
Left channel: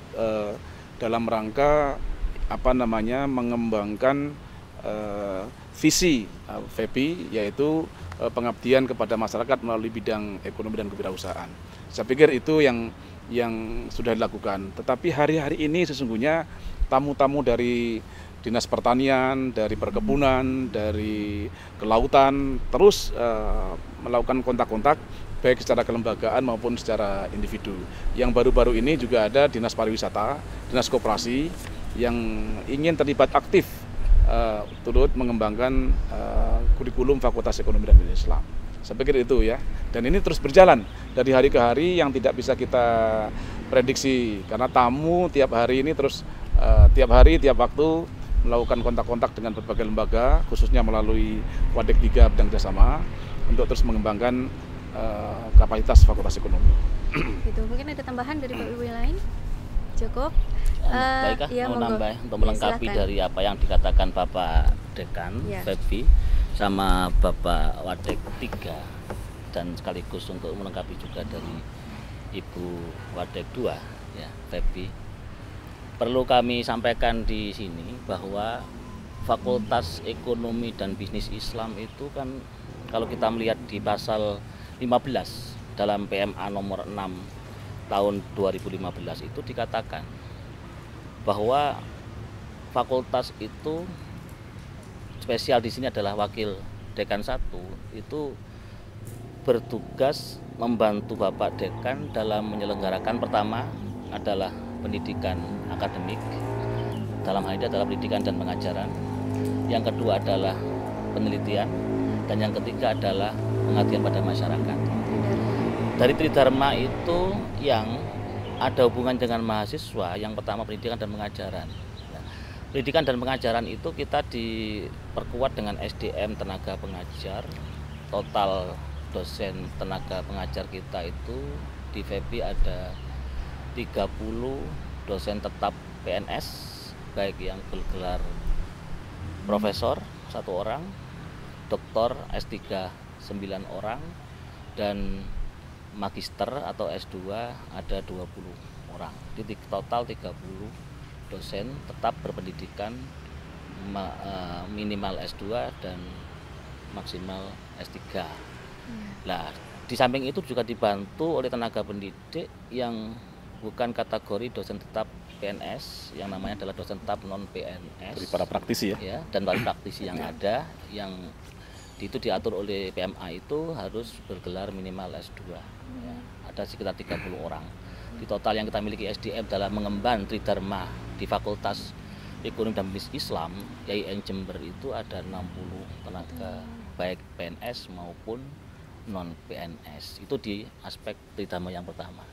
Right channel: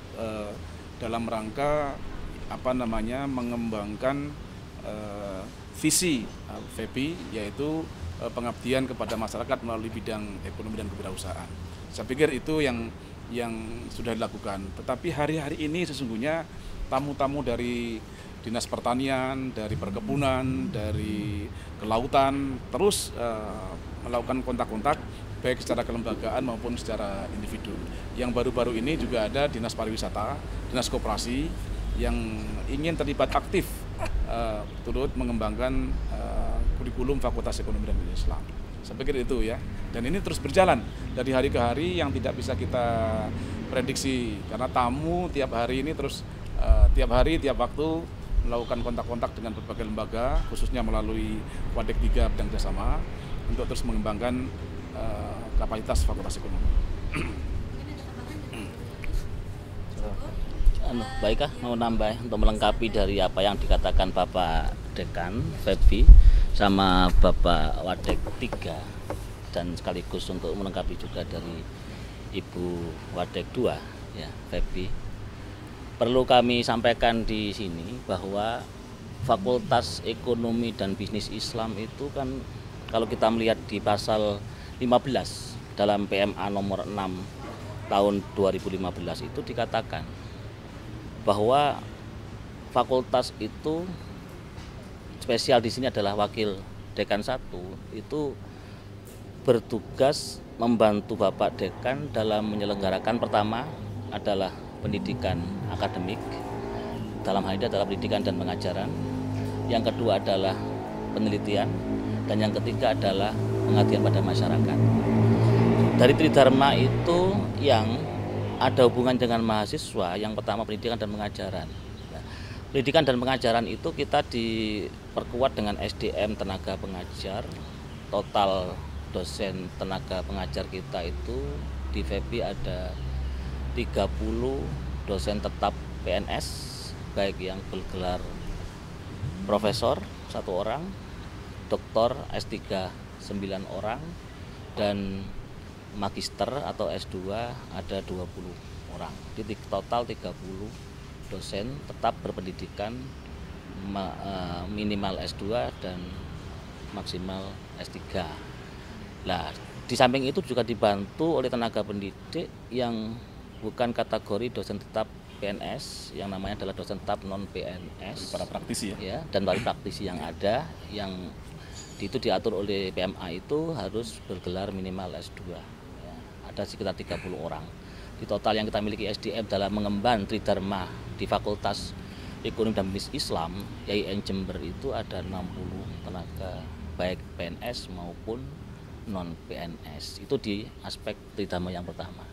dalam rangka mengembangkan visi FEBI, yaitu pengabdian kepada masyarakat melalui bidang ekonomi dan kewirausahaan. Saya pikir itu yang sudah dilakukan. Tetapi hari-hari ini sesungguhnya tamu-tamu dari Dinas Pertanian, dari Perkebunan, dari Kelautan terus melakukan kontak-kontak baik secara kelembagaan maupun secara individu. Yang baru-baru ini juga ada Dinas Pariwisata, Dinas Koperasi yang ingin terlibat aktif turut mengembangkan kurikulum Fakultas Ekonomi dan Bisnis Islam. Saya pikir itu ya. Dan ini terus berjalan dari hari ke hari yang tidak bisa kita prediksi karena tamu tiap hari ini terus tiap hari, tiap waktu melakukan kontak-kontak dengan berbagai lembaga, khususnya melalui Wadek 3 bidang kerjasama untuk terus mengembangkan kapasitas Fakultas Ekonomi. Gitu. Mungkin ada tambahan dari Ibu yang lain? Cukup? Baiklah, ya, mau nambah untuk melengkapi silakan. dari apa yang dikatakan Bapak Dekan FEBI sama Bapak Wadek 3, dan sekaligus untuk melengkapi juga dari Ibu Wadek 2 ya FEBI. Perlu kami sampaikan di sini bahwa Fakultas Ekonomi dan Bisnis Islam itu kan kalau kita melihat di pasal 15 dalam PMA nomor 6 tahun 2015 itu dikatakan bahwa fakultas itu spesial di sini adalah wakil dekan 1 itu bertugas membantu Bapak Dekan dalam menyelenggarakan pertama adalah pendidikan akademik, dalam hal ini adalah pendidikan dan pengajaran. Yang kedua adalah penelitian, dan yang ketiga adalah pengabdian pada masyarakat. Dari Tridharma itu yang ada hubungan dengan mahasiswa, yang pertama pendidikan dan pengajaran. Pendidikan dan pengajaran itu kita diperkuat dengan SDM tenaga pengajar. Total dosen tenaga pengajar kita itu di FEBI ada 30 dosen tetap PNS, baik yang bergelar profesor 1 orang, doktor S3 9 orang, dan magister atau S2 ada 20 orang. Jadi total 30 dosen tetap berpendidikan minimal S2 dan maksimal S3. Nah, di samping itu juga dibantu oleh tenaga pendidik yang bukan kategori dosen tetap PNS, yang namanya adalah dosen tetap non PNS. Dari para praktisi ya, dan para praktisi yang ada, yang itu diatur oleh PMA itu harus bergelar minimal S2. Ya, ada sekitar 30 orang. Di total yang kita miliki SDM dalam mengemban Tridharma di Fakultas Ekonomi dan Bisnis Islam YIN Jember itu ada 60 tenaga, baik PNS maupun non PNS. Itu di aspek Tridharma yang pertama.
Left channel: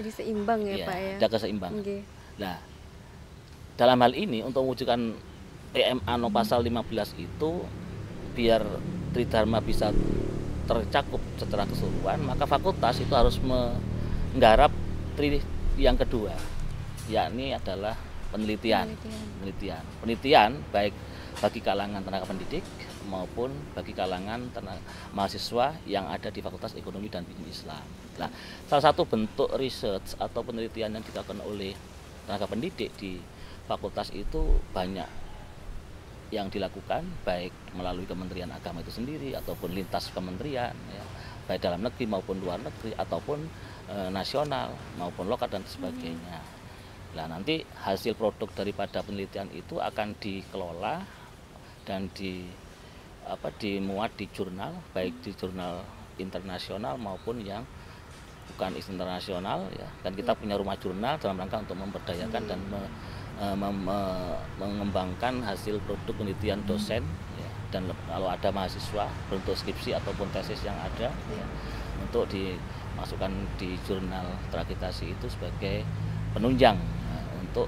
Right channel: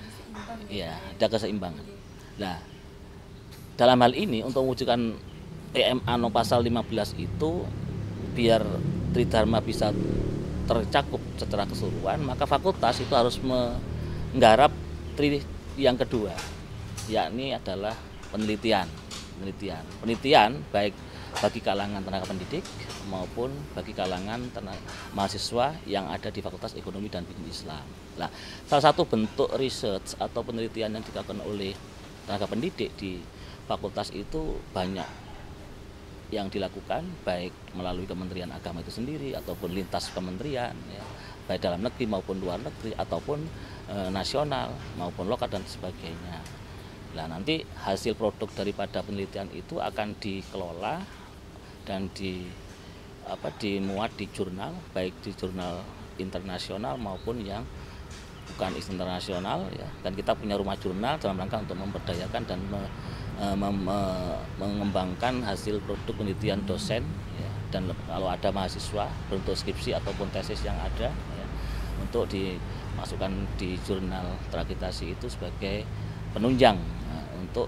Jadi seimbang ya, Pak ya. Ada keseimbangan. Okay. Nah, dalam hal ini untuk mewujudkan PMA no pasal 15 itu biar Tridharma bisa tercakup secara keseluruhan, maka fakultas itu harus menggarap yang kedua, yakni adalah penelitian baik bagi kalangan tenaga pendidik maupun bagi kalangan mahasiswa yang ada di Fakultas Ekonomi dan Bisnis Islam. Nah, salah satu bentuk research atau penelitian yang dilakukan oleh tenaga pendidik di fakultas itu banyak yang dilakukan, baik melalui Kementerian Agama itu sendiri ataupun lintas kementerian, ya, baik dalam negeri maupun luar negeri ataupun nasional maupun lokal dan sebagainya. Nah, nanti hasil produk daripada penelitian itu akan dikelola dan dimuat di jurnal, baik di jurnal internasional maupun yang bukan internasional, ya. Dan kita punya rumah jurnal dalam rangka untuk memberdayakan dan mengembangkan hasil produk penelitian dosen, ya. Dan kalau ada mahasiswa bentuk skripsi ataupun tesis yang ada, ya, untuk dimasukkan di jurnal terakreditasi itu sebagai penunjang untuk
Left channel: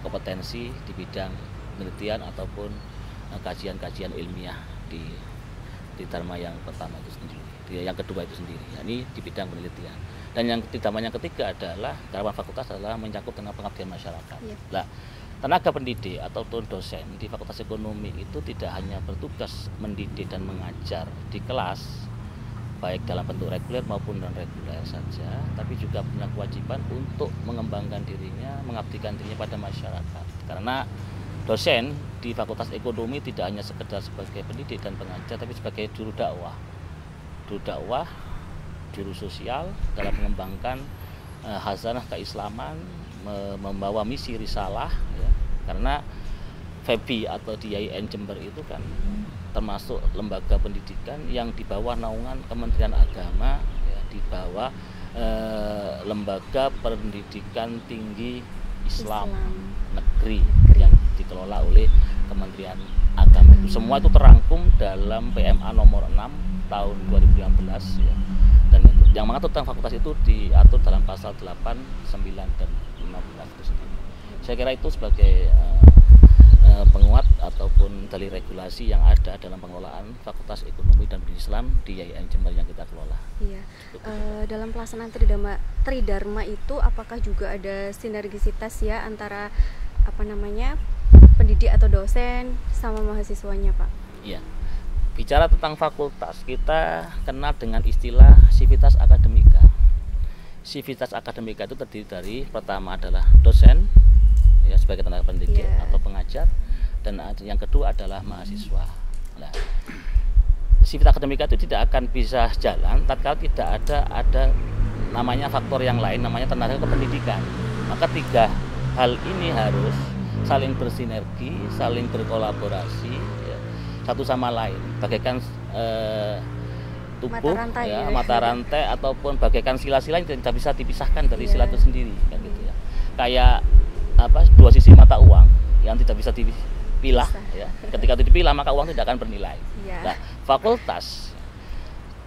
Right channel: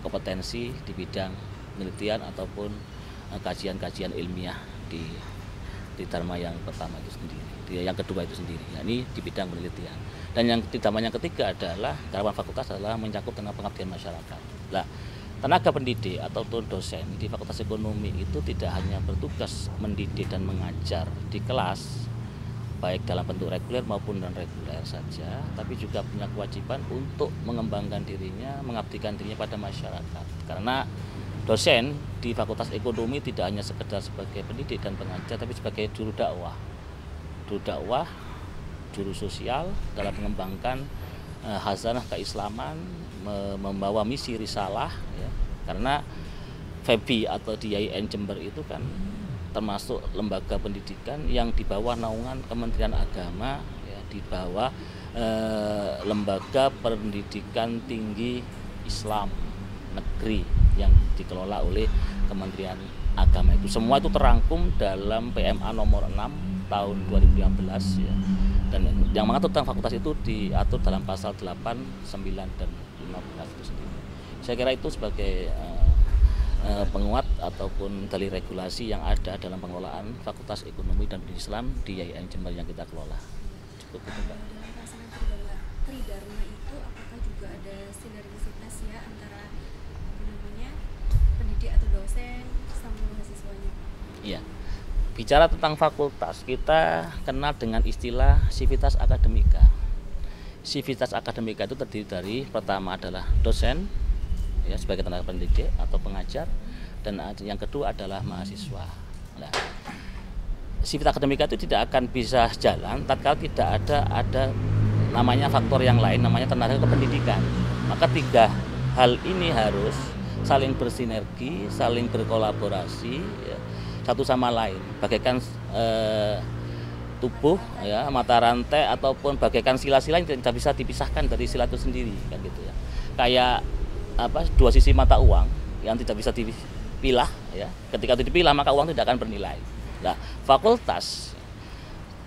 kompetensi di bidang penelitian ataupun kajian-kajian ilmiah di Tridharma yang pertama itu sendiri, yang kedua itu sendiri, yakni di bidang penelitian. Dan yang Tridharma yang ketiga adalah garapan fakultas adalah menyangkut tentang pengabdian masyarakat. Nah, tenaga pendidik atau dosen di Fakultas Ekonomi itu tidak hanya bertugas mendidik dan mengajar di kelas, baik dalam bentuk reguler maupun non reguler saja, tapi juga punya kewajiban untuk mengembangkan dirinya, mengabdikan dirinya pada masyarakat. Karena dosen di Fakultas Ekonomi tidak hanya sekedar sebagai pendidik dan pengajar, tapi sebagai juru dakwah, juru sosial dalam mengembangkan khazanah keislaman, membawa misi risalah, ya. Karena FEBI atau di YIN Jember itu kan termasuk lembaga pendidikan yang di bawah naungan Kementerian Agama, ya, di bawah lembaga pendidikan tinggi Islam negeri yang dikelola oleh Kementerian Agama. Itu semua itu terangkum dalam PMA nomor 6 tahun 2015, ya. Dan yang mengatur tentang fakultas itu diatur dalam pasal 8, 9 dan 15 itu sendiri. Saya kira itu sebagai penguat ataupun dalih regulasi yang ada dalam pengelolaan Fakultas Ekonomi dan Bisnis Islam di YIN Jember yang kita kelola. Iya. Dalam pelaksanaan Tridharma itu apakah juga ada sinergisitas ya antara pendidik atau dosen sama mahasiswanya, Pak? Iya. Bicara tentang fakultas, kita kenal dengan istilah sivitas akademika. Sivitas akademika itu terdiri dari pertama adalah dosen, ya, sebagai tenaga pendidik atau pengajar, dan yang kedua adalah mahasiswa. Nah, sivitas akademika itu tidak akan bisa jalan tatkala tidak ada namanya faktor yang lain, namanya tenaga kependidikan. Maka tiga hal ini harus saling bersinergi, saling berkolaborasi, ya, satu sama lain, bagaikan tubuh, mata rantai ataupun bagaikan sila-sila yang tidak bisa dipisahkan dari sila itu sendiri, kan gitu ya. Kayak dua sisi mata uang yang tidak bisa dipilah, ya. Ketika itu dipilah maka uang tidak akan bernilai. Nah, fakultas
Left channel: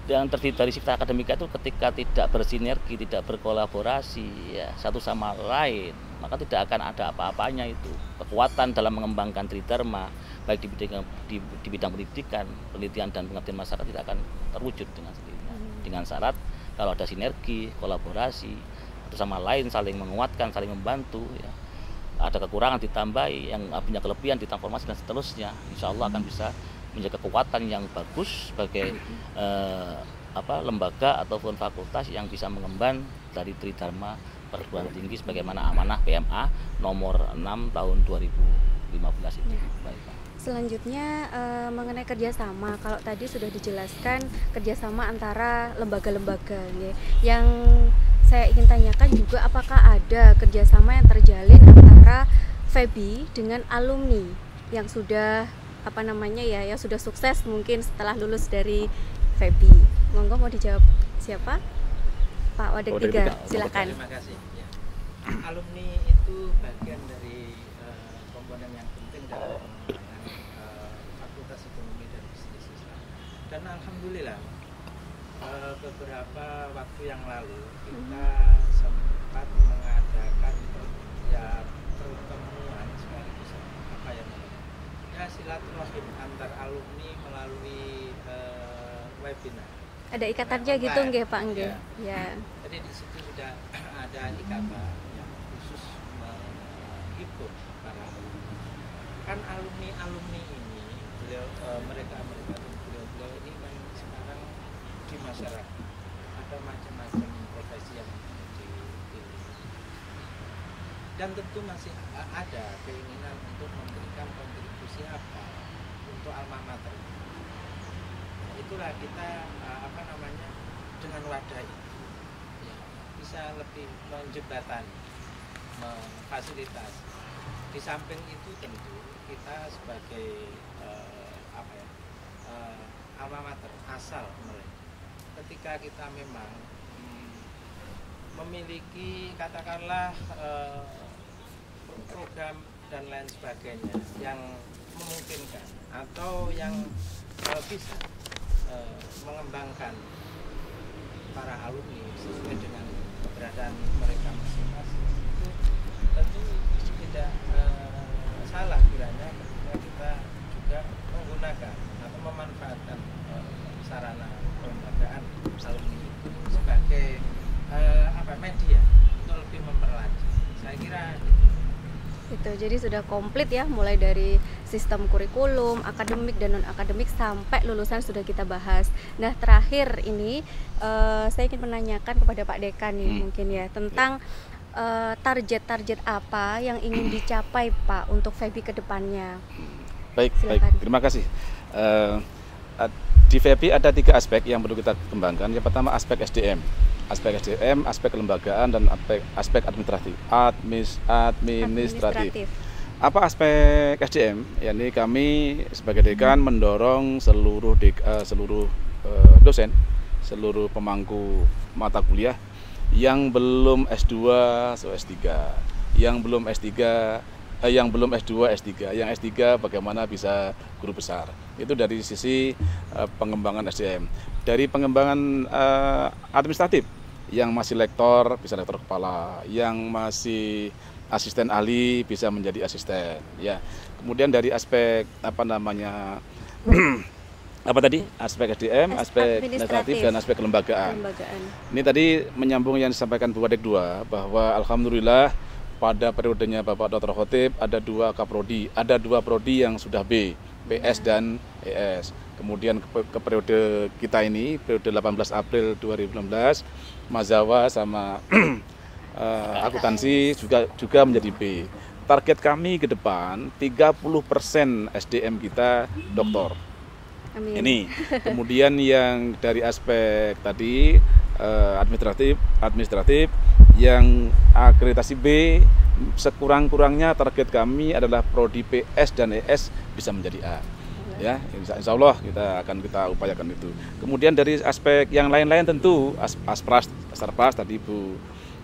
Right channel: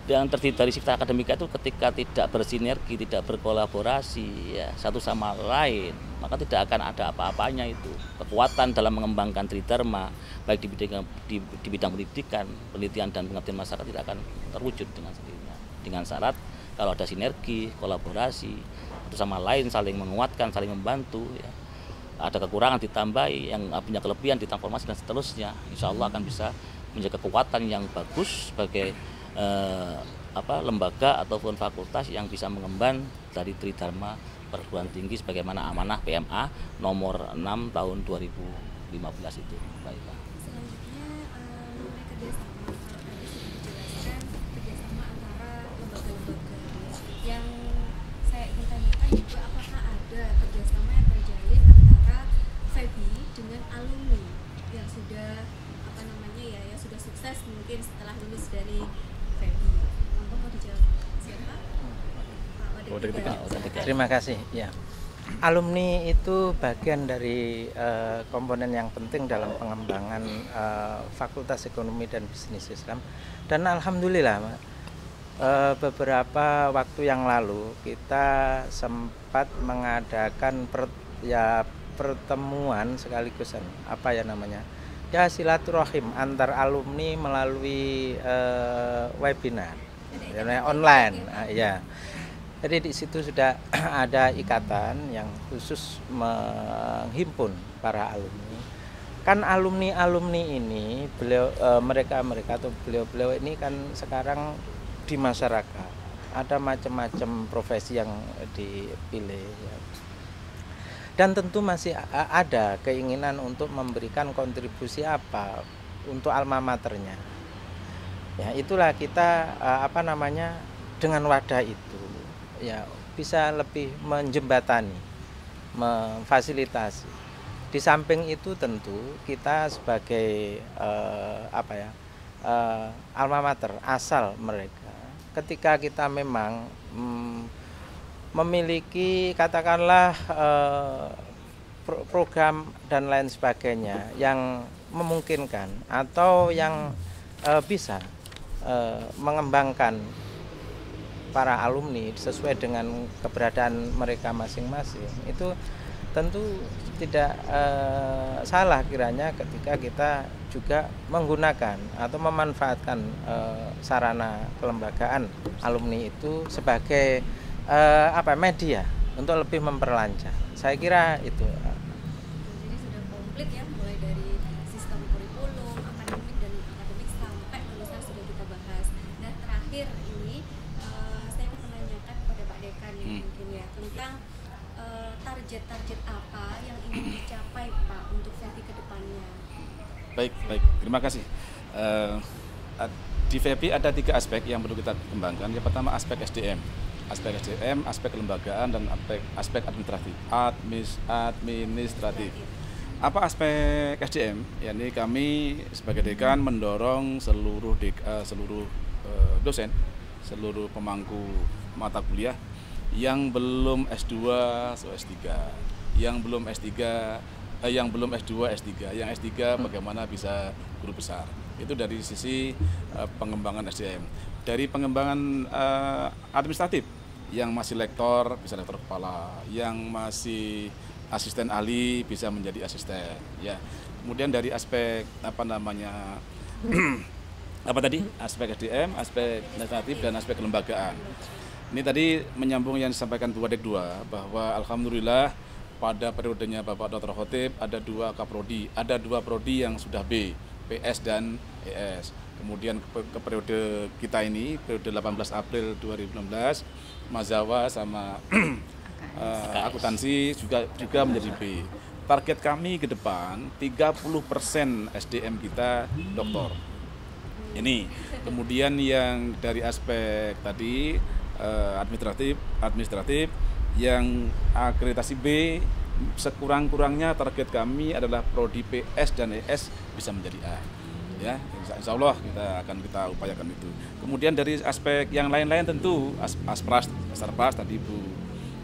yang terdiri dari sivitas akademika itu ketika tidak bersinergi, tidak berkolaborasi, ya, satu sama lain, maka tidak akan ada apa-apanya itu. Kekuatan dalam mengembangkan Tridharma baik di bidang pendidikan, penelitian dan pengabdian masyarakat tidak akan terwujud dengan sendirinya. Dengan syarat kalau ada sinergi, kolaborasi, satu sama lain saling menguatkan, saling membantu, ya, ada kekurangan ditambahi, yang punya kelebihan ditransformasi dan seterusnya. Insya Allah akan bisa menjadi kekuatan yang bagus sebagai lembaga ataupun fakultas yang bisa mengemban dari Tridharma Perguruan Tinggi sebagaimana amanah PMA nomor 6 tahun 2015 itu. Baik, Pak. Selanjutnya mengenai kerjasama, kalau tadi sudah dijelaskan kerjasama antara lembaga-lembaga, ya. Yang saya ingin tanyakan juga apakah ada kerjasama yang terjalin antara FEBI dengan alumni yang sudah yang sudah sukses mungkin setelah lulus dari FEBI. Monggo mau dijawab siapa? Pak Wadek Tiga, silakan. Terima kasih. Ya. Alumni itu bagian dari komponen yang penting dalam pengembangan Fakultas Ekonomi dan Bisnis Islam. Dan alhamdulillah, beberapa waktu yang lalu kita sempat mengadakan pertemuan sekaligus silaturahim antar alumni melalui webinar. Ada ikatannya online, gitu, Pak? Ya. Jadi di situ sudah ada ikatan yang khusus menghimpun para alumni. Kan alumni ini mereka atau beliau ini kan sekarang di masyarakat ada macam-macam profesi yang dipilih. Dan tentu masih ada keinginan untuk memberikan kontribusi apa untuk alma maternya. Ya, itulah kita dengan wadah itu ya bisa lebih menjembatani, memfasilitasi. Di samping itu tentu kita sebagai alma mater asal mereka, ketika kita memang memiliki katakanlah program dan lain sebagainya yang memungkinkan atau yang bisa mengembangkan para alumni sesuai dengan keberadaan mereka masing-masing, itu tentu tidak salah kiranya ketika kita juga menggunakan atau memanfaatkan sarana kelembagaan alumni itu sebagai media untuk lebih memperlancar. Saya kira itu. Jadi sudah komplit ya, mulai dari sistem kurikulum, akademik dan non-akademik sampai lulusan sudah kita bahas. Nah, terakhir ini saya ingin menanyakan kepada Pak Dekan nih mungkin ya tentang target-target apa yang ingin dicapai Pak untuk FEBI ke depannya. Baik, terima kasih. Di FEBI ada 3 aspek yang perlu kita kembangkan. Yang pertama aspek SDM, aspek kelembagaan dan aspek administratif. Apa aspek SDM? Yakni kami sebagai dekan mendorong seluruh dosen, seluruh pemangku mata kuliah yang belum S2 atau S3, yang belum S2 S3, yang S3 bagaimana bisa guru besar. Itu dari sisi pengembangan SDM. Dari pengembangan administratif, yang masih lektor bisa lektor kepala, yang masih asisten ahli bisa menjadi asisten, ya. Kemudian dari aspek aspek SDM, aspek administratif dan aspek kelembagaan. Ini tadi menyambung yang disampaikan Bu Wadek 2 bahwa alhamdulillah pada periodenya Bapak Dr. Khotib ada 2 kaprodi, ada 2 prodi yang sudah B, PS dan ES. Kemudian ke periode kita ini, periode 18 April 2016, Mazawa sama akuntansi juga menjadi B. Target kami ke depan 30% SDM kita doktor. Amin. Ini. Kemudian yang dari aspek tadi administratif yang akreditasi B, sekurang-kurangnya target kami adalah prodi PS dan ES bisa menjadi A. Ya, insya Allah kita upayakan itu. Kemudian dari aspek yang lain-lain tentu Asparpras tadi Bu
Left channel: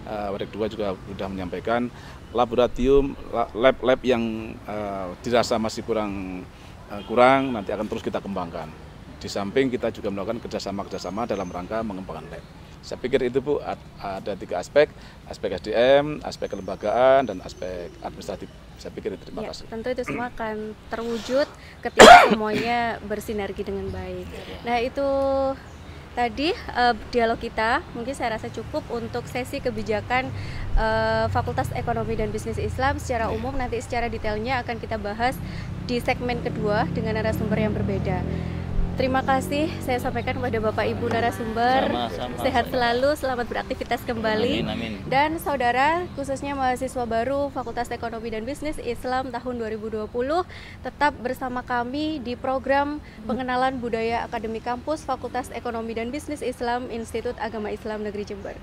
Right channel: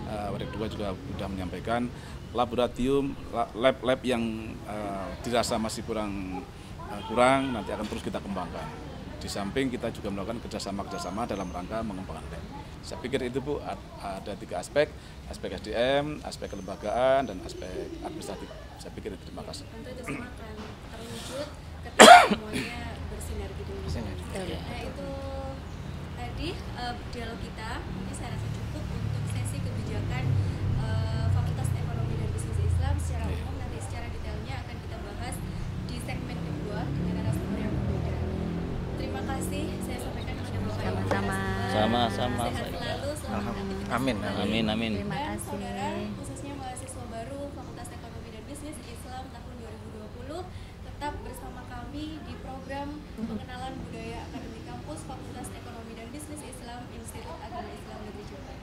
Wadek 2 juga sudah menyampaikan laboratorium, lab yang dirasa masih kurang nanti akan terus kita kembangkan. Di samping kita juga melakukan kerjasama dalam rangka mengembangkan lab. Saya pikir itu Bu, ada 3 aspek SDM, aspek kelembagaan dan aspek administratif. Saya pikir itu. Terima kasih. Tentu itu semua akan terwujud ketika semuanya bersinergi dengan baik. Nah, itu tadi dialog kita mungkin saya rasa cukup untuk sesi kebijakan Fakultas Ekonomi dan Bisnis Islam secara umum. Nanti secara detailnya akan kita bahas di segmen kedua dengan narasumber yang berbeda. Terima kasih saya sampaikan kepada Bapak Ibu narasumber. Sama-sama. Sehat selalu, selamat beraktivitas kembali. Amin. Dan saudara, khususnya mahasiswa baru Fakultas Ekonomi dan Bisnis Islam tahun 2020, tetap bersama kami di program pengenalan budaya akademik kampus Fakultas Ekonomi dan Bisnis Islam Institut Agama Islam Negeri Jember.